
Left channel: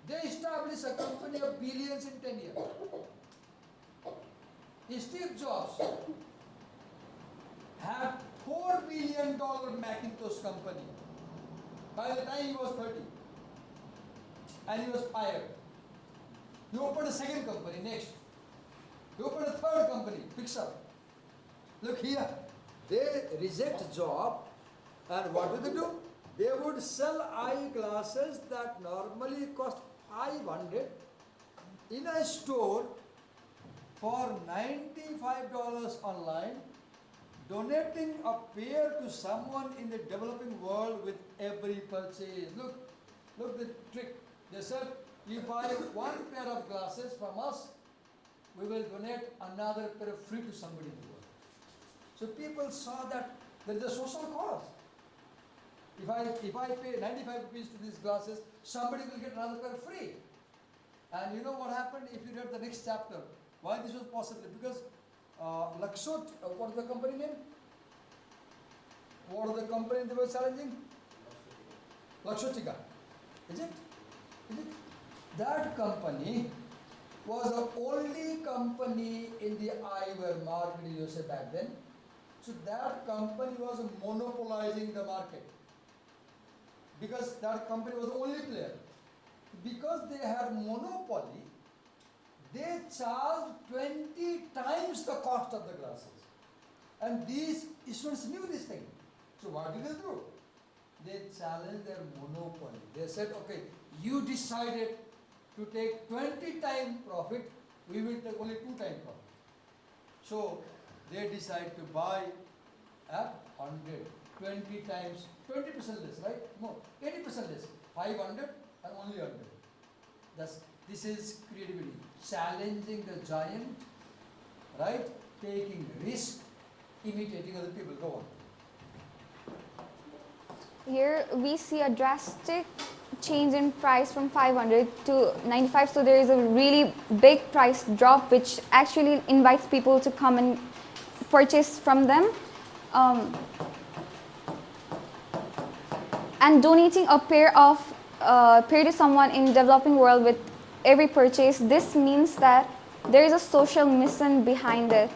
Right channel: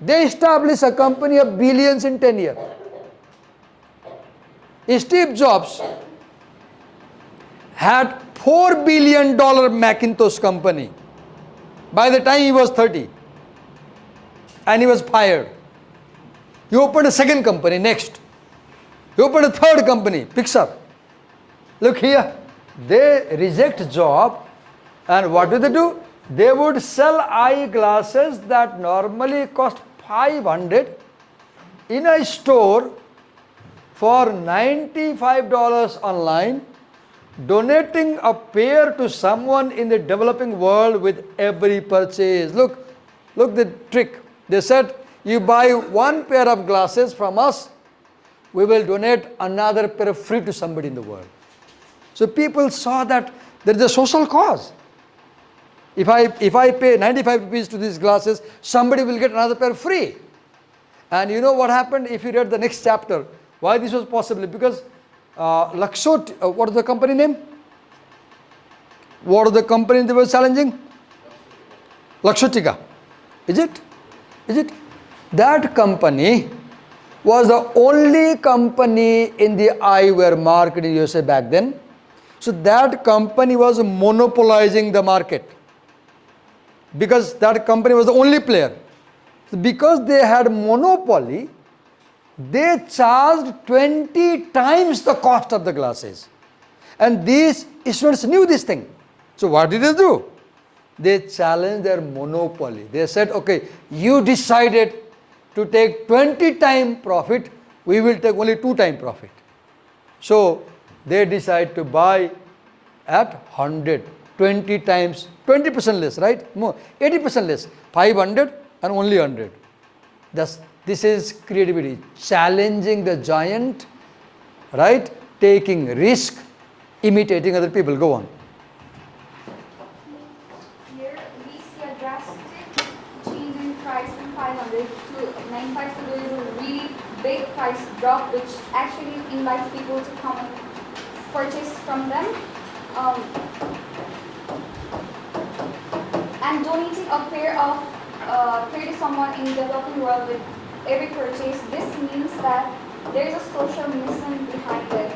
they established a company of billions in 10 years. Steve Jobs had $4 billion Macintosh company by the time he was 30. And he was fired. He opened a second company next. He opened a third company, Pixar. Look here, they reject job, and what do? They would sell eyeglasses that normally cost 500 in a store for $95 online, donating a pair to someone in the developing world with every purchase. Look the trick. They said, you buy one pair of glasses from us, we will donate another pair free to somebody in the world. So people saw that there is a social cause. If I pay 95 rupees to these glasses, somebody will get another pair free. And you know what happened if you read the next chapter? Why this was possible? Because what is the company name? What are the company they were challenging? Lakshotika. Is it? That company was the only company in the eyewear market in USA back then. So that company was monopolizing the market because that company was the only player. So because they had monopoly, they charged 20 times the cost of the glasses. And these students knew this thing. So what did they do? They challenged their monopoly. They said, okay, you decided to take 20 times profit, we will take only 2 times profit. So they decide to buy at 100, 20 times, 20% less, right? More, 80% less, 500 and only 100. This is creativity, challenging the giant, right? Taking risk, imitating other people. Go on. Here we see a drastic change in price from 500 to 95. So there is a really big price drop, which actually invites people to come and purchase from them. And donating a pair to someone in the developing world with every purchase, this means that there is a social mission behind it.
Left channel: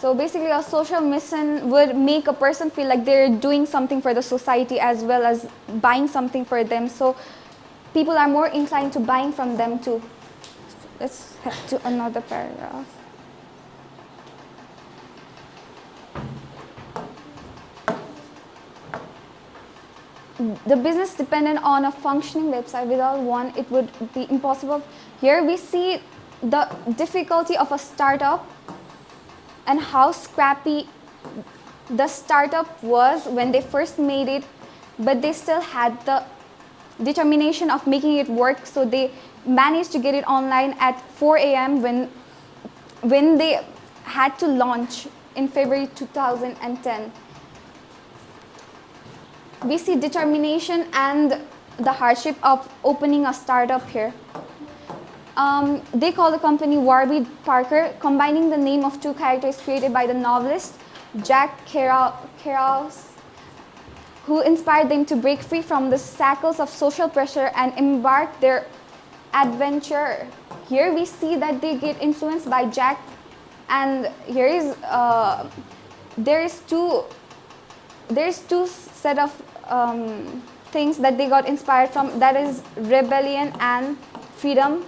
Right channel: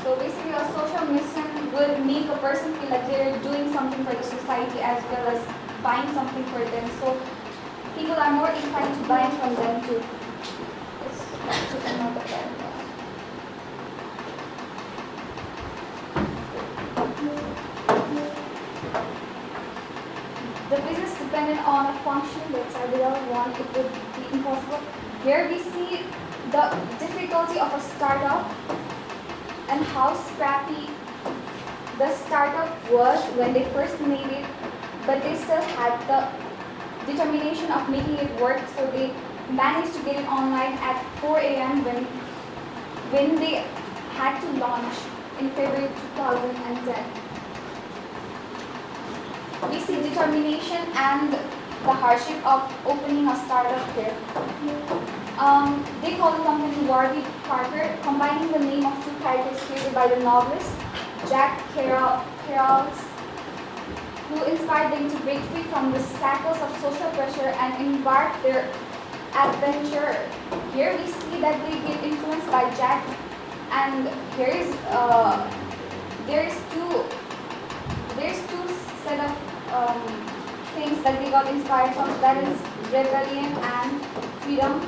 So basically a social mission would make a person feel like they're doing something for the society as well as buying something for them. So people are more inclined to buying from them too. Let's head to another paragraph. The business dependent on a functioning website. Without one, it would be impossible. Here we see the difficulty of a startup and how scrappy the startup was when they first made it, but they still had the determination of making it work. So they managed to get it online at 4 a.m. when they had to launch in February 2010. We see determination and the hardship of opening a startup here. They call the company Warby Parker, combining the name of 2 characters created by the novelist Jack Kerouac, who inspired them to break free from the shackles of social pressure and embark their adventure. Here we see that they get influenced by Jack, and here is there's two set of things that they got inspired from, that is rebellion and freedom.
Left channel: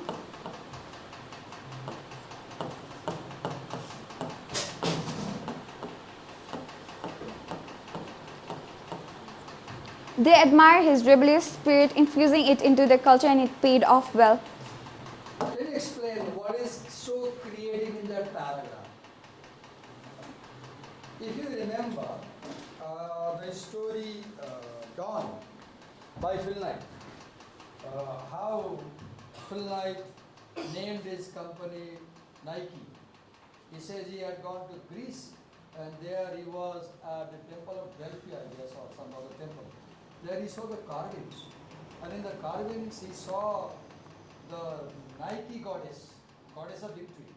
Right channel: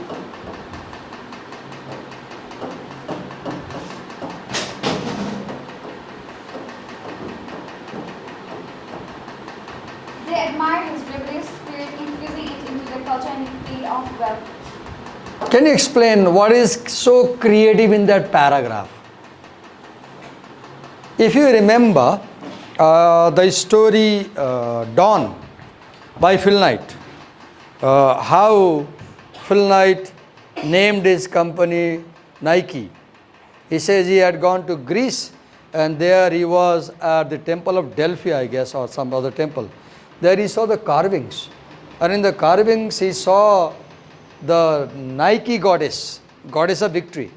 They admire his rebellious spirit, infusing it into their culture, and it paid off well. Can you explain what is so creative in that paragraph? If you remember the story Dawn by Phil Knight, how Phil Knight named his company Nike. He says he had gone to Greece and there he was at the temple of Delphi, I guess, or some other temple. There he saw the carvings, and in the carvings he saw the Nike goddess of victory.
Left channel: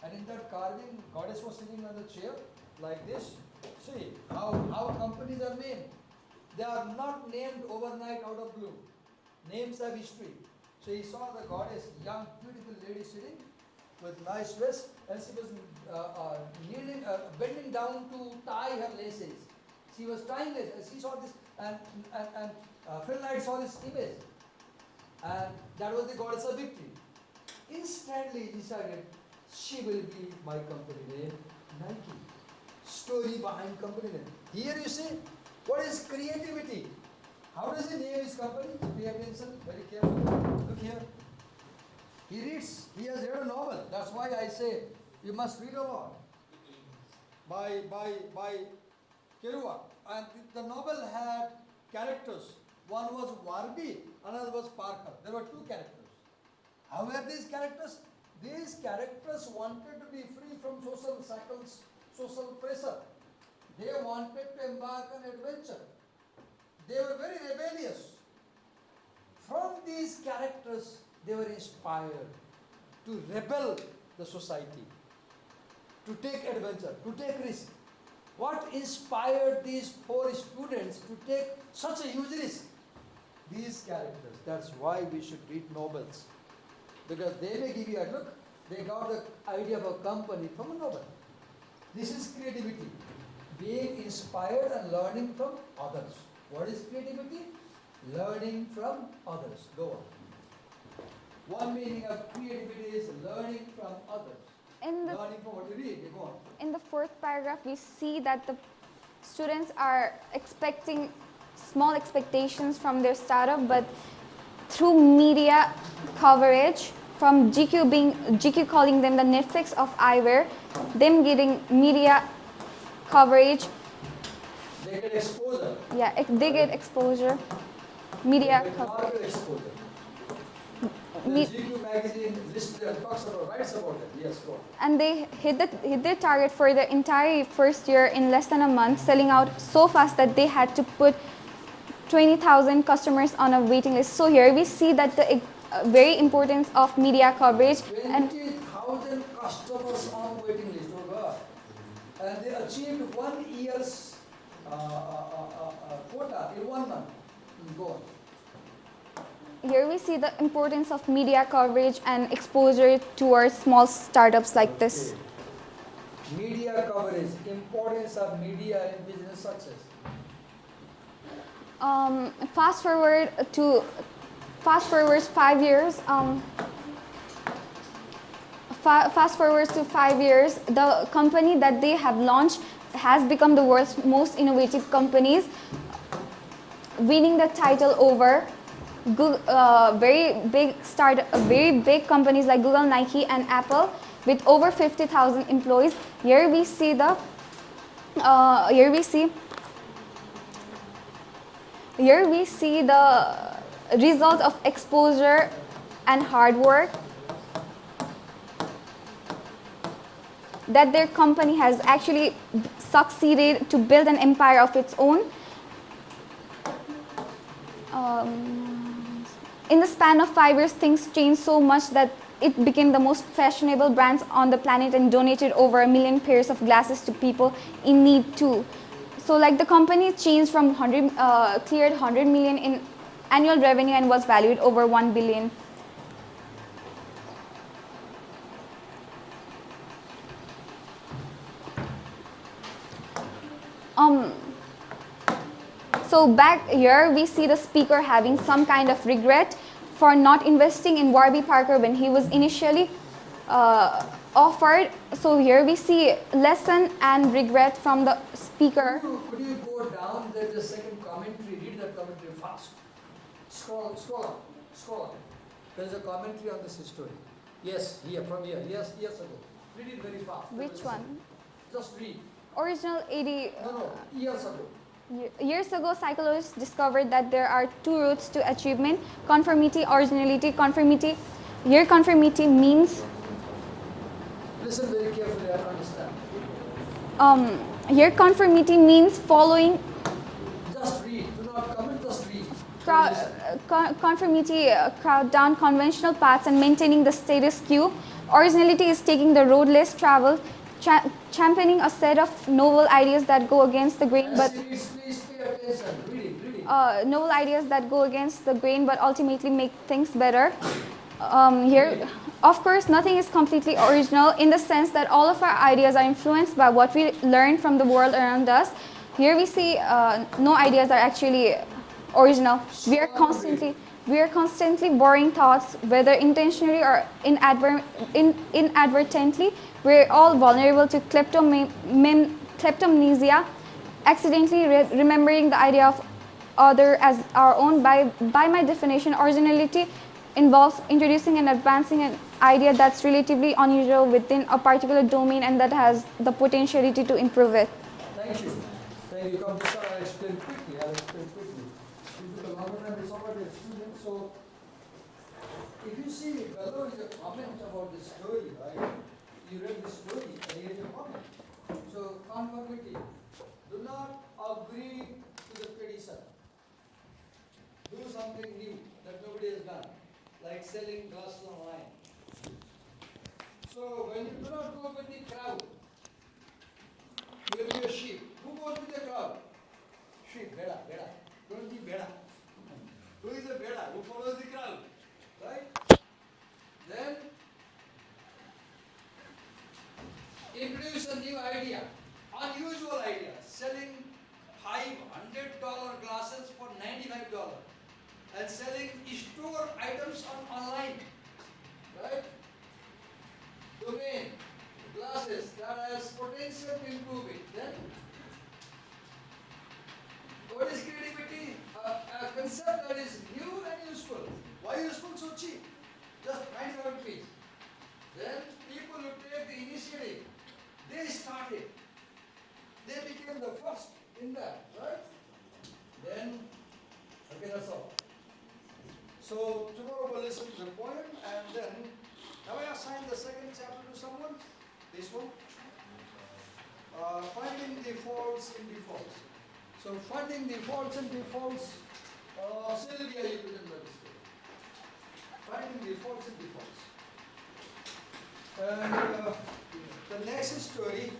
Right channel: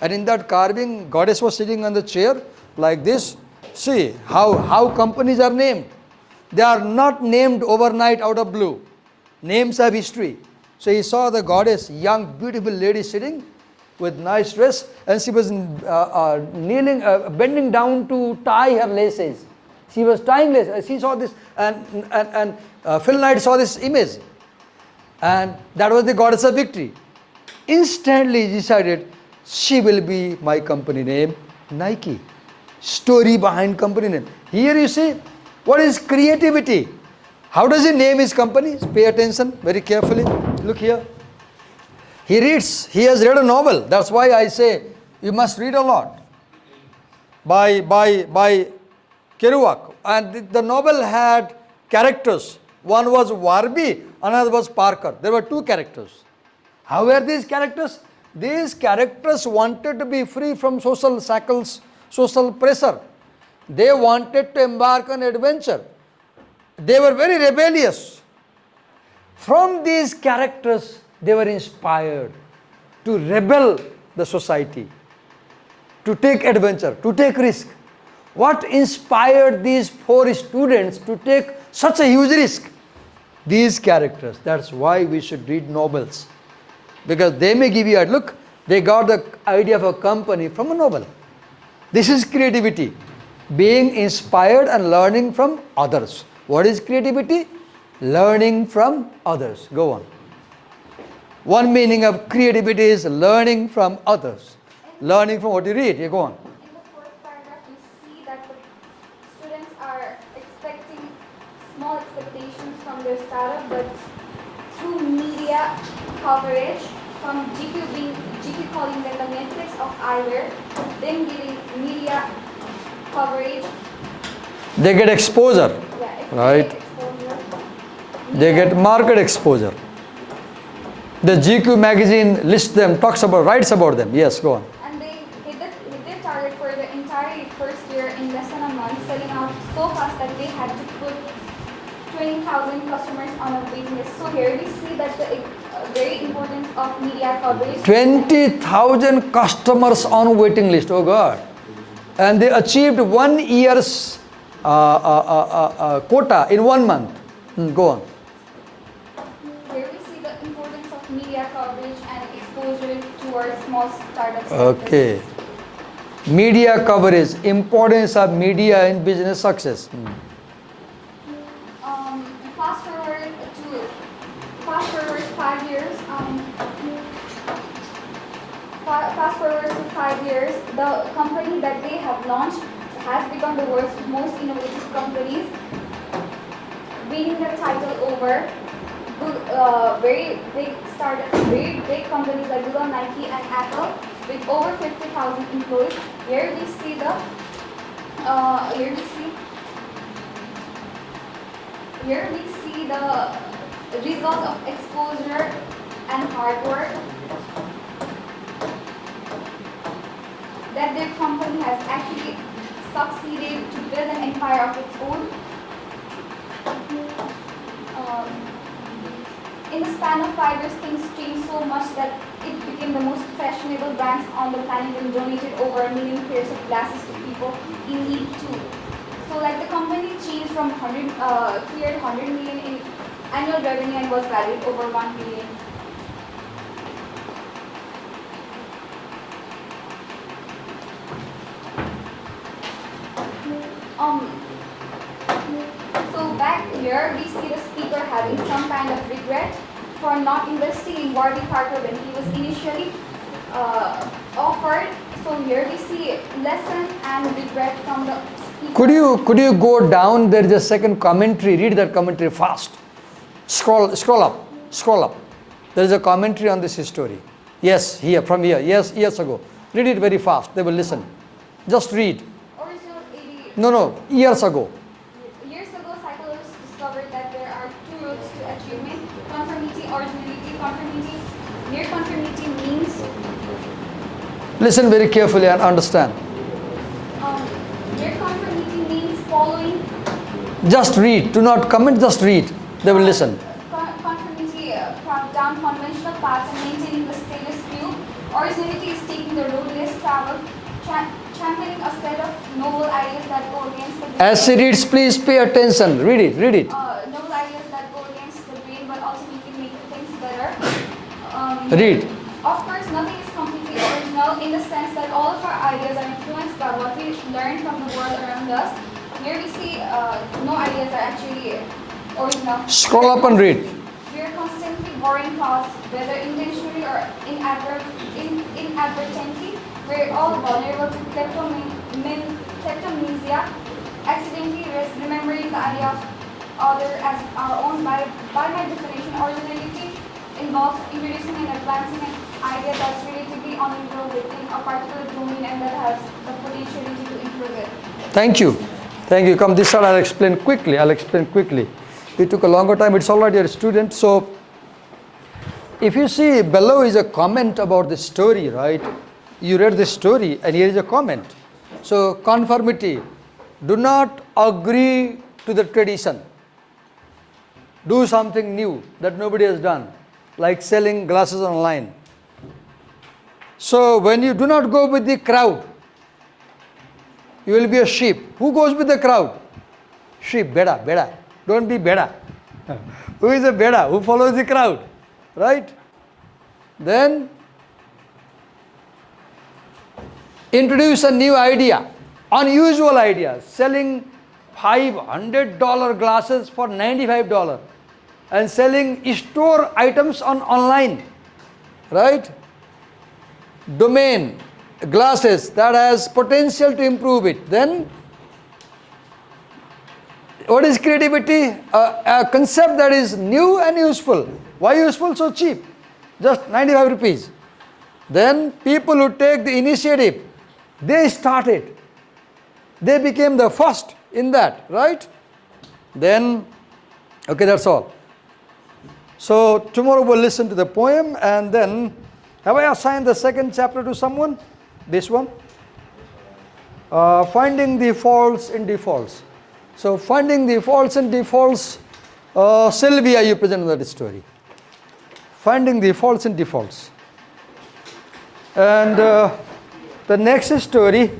And in that carving, goddess was sitting on the chair like this. See how companies are named. They are not named overnight out of blue. Names have history. So he saw the goddess, young, beautiful lady sitting with nice dress, and she was kneeling, bending down to tie her laces. She was tying laces. She saw this, and Phil Knight saw this image. And that was the goddess of victory. Instantly decided, she will be my company name, Nike. Story behind company name. Here you see, what is creativity? How does he name his company? Pay attention very carefully. Look here. He reads, he has read a novel. That's why I say, you must read a lot. By Kerouac. And the novel had characters. One was Warby, another was Parker. There were two characters. How were these characters? These characters wanted to be free from social shackles, social pressure. They wanted to embark on adventure. They were very rebellious. From these characters, they were inspired to rebel the society, to take adventure, to take risk. What inspired these four students to take such a huge risk? These characters. That's why we should read novels. Because they may give you a look, they got the idea of a company from a novel. This is creativity. Being inspired and learning from others. What is creativity? Learning from others. Go on. One meaning of creativity is learning from others. Learning from what you read. You go on. In the fourth paragraph, you see that the students are expecting small expectations from their startup, but through media coverage, from GQ calling them the Netflix of eyewear, them giving media coverage. They get exposure. Yeah, if right? they get exposure. They get market exposure. The GQ magazine lists them, writes about them. Yes, go on. And they hit their target for the entire first year in less than a month, selling out so fast that they had to put 20,000 customers on a waiting list. So here we see that the very importance of media coverage. 20,000 customers on waiting list. Oh God. And they achieved 1 year's quota in 1 month. Go on. Here we see the importance of media coverage and exposure towards small startups like this. Okay. Media coverage, importance of media in business success. Fast forward 5 years. Fast forward to 5 years, the company that they have launched has become the world's most innovative companies, winning the title over very big companies like Google, Nike, and Apple, with over 50,000 employees. Here we see the result of exposure and hard work that their company has actually succeeded to build an empire of its own. In the span of 5 years, things changed so much that it became the most fashionable brands on the planet and donated over 1 million pairs of glasses to people in need too. So like the company changed from cleared 100 million in annual revenue and was valued over 1 billion. So back here we see the speaker having some kind of regret for not investing in Warby Parker when he was initially offered. So here we see lesson and regret from the speaker. Could you go down? There is a second commentary. Read that commentary fast. Scroll up. There is a commentary on this story. Yes, here, from here. Yes, years ago. Read it very fast. They will listen. Just read. Original 80 No, years ago. years ago, psychologists discovered that there are two routes to achievement: conformity, originality. Conformity. Here, conformity means. Listen very carefully and understand. Here, conformity means following. Just read. Do not comment. Just read. They will listen. Conformity, crowd down conventional paths and maintaining the status quo. Originality is taking the road less traveled, championing a set of novel ideas that go against the grain. As she reads, please pay attention. Read it. Read it. Novel ideas that go against the grain but ultimately make things better. Read. Of course, nothing is completely original in the sense that all of our ideas are influenced by what we learn from the world around us. Here we see no ideas are actually original. Scroll up and read. We are constantly borrowing thoughts, whether intentionally or inadvertently. We're all vulnerable to kleptomnesia, accidentally remembering the idea of other as our own. By my definition, originality involves introducing and advancing an idea that's relatively unusual within a particular domain and that has the potentiality to improve it. Thank you. Thank you. Come this side, I'll explain quickly. It took a longer time. It's already a student. So, if you see below is a comment about the story, right? You read the story and here is a comment. So, conformity. Do not agree to the tradition. Do something new that nobody has done, like selling glasses online. So, when you do not go with the crowd, you will be a sheep. Who goes with the crowd? Sheep, beda. Don't be beda. Who is a beda? Who follows the crowd? Right? Then, introduce a new idea, unusual idea, selling $500 glasses for $95 and selling store items online, right? Domain, glasses that has potential to improve it. Then, what is creativity? A concept that is new and useful. Why useful? So cheap, just 95 rupees. Then people who take the initiative, they started. They became the first in that, right? Then, okay, that's all. So tomorrow we'll listen to the poem and then, have I assigned the second chapter to someone? This one? Finding the faults in defaults. So finding the faults in defaults, Sylvia, you presented that story. Finding the faults in defaults. And the next story,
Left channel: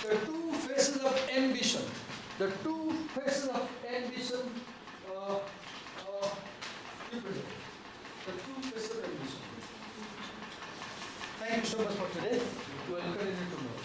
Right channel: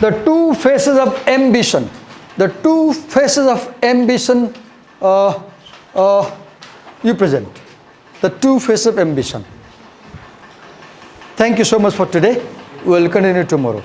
the two faces of ambition. The two faces of ambition you present. The two faces of ambition. Thank you so much for today. We will continue tomorrow.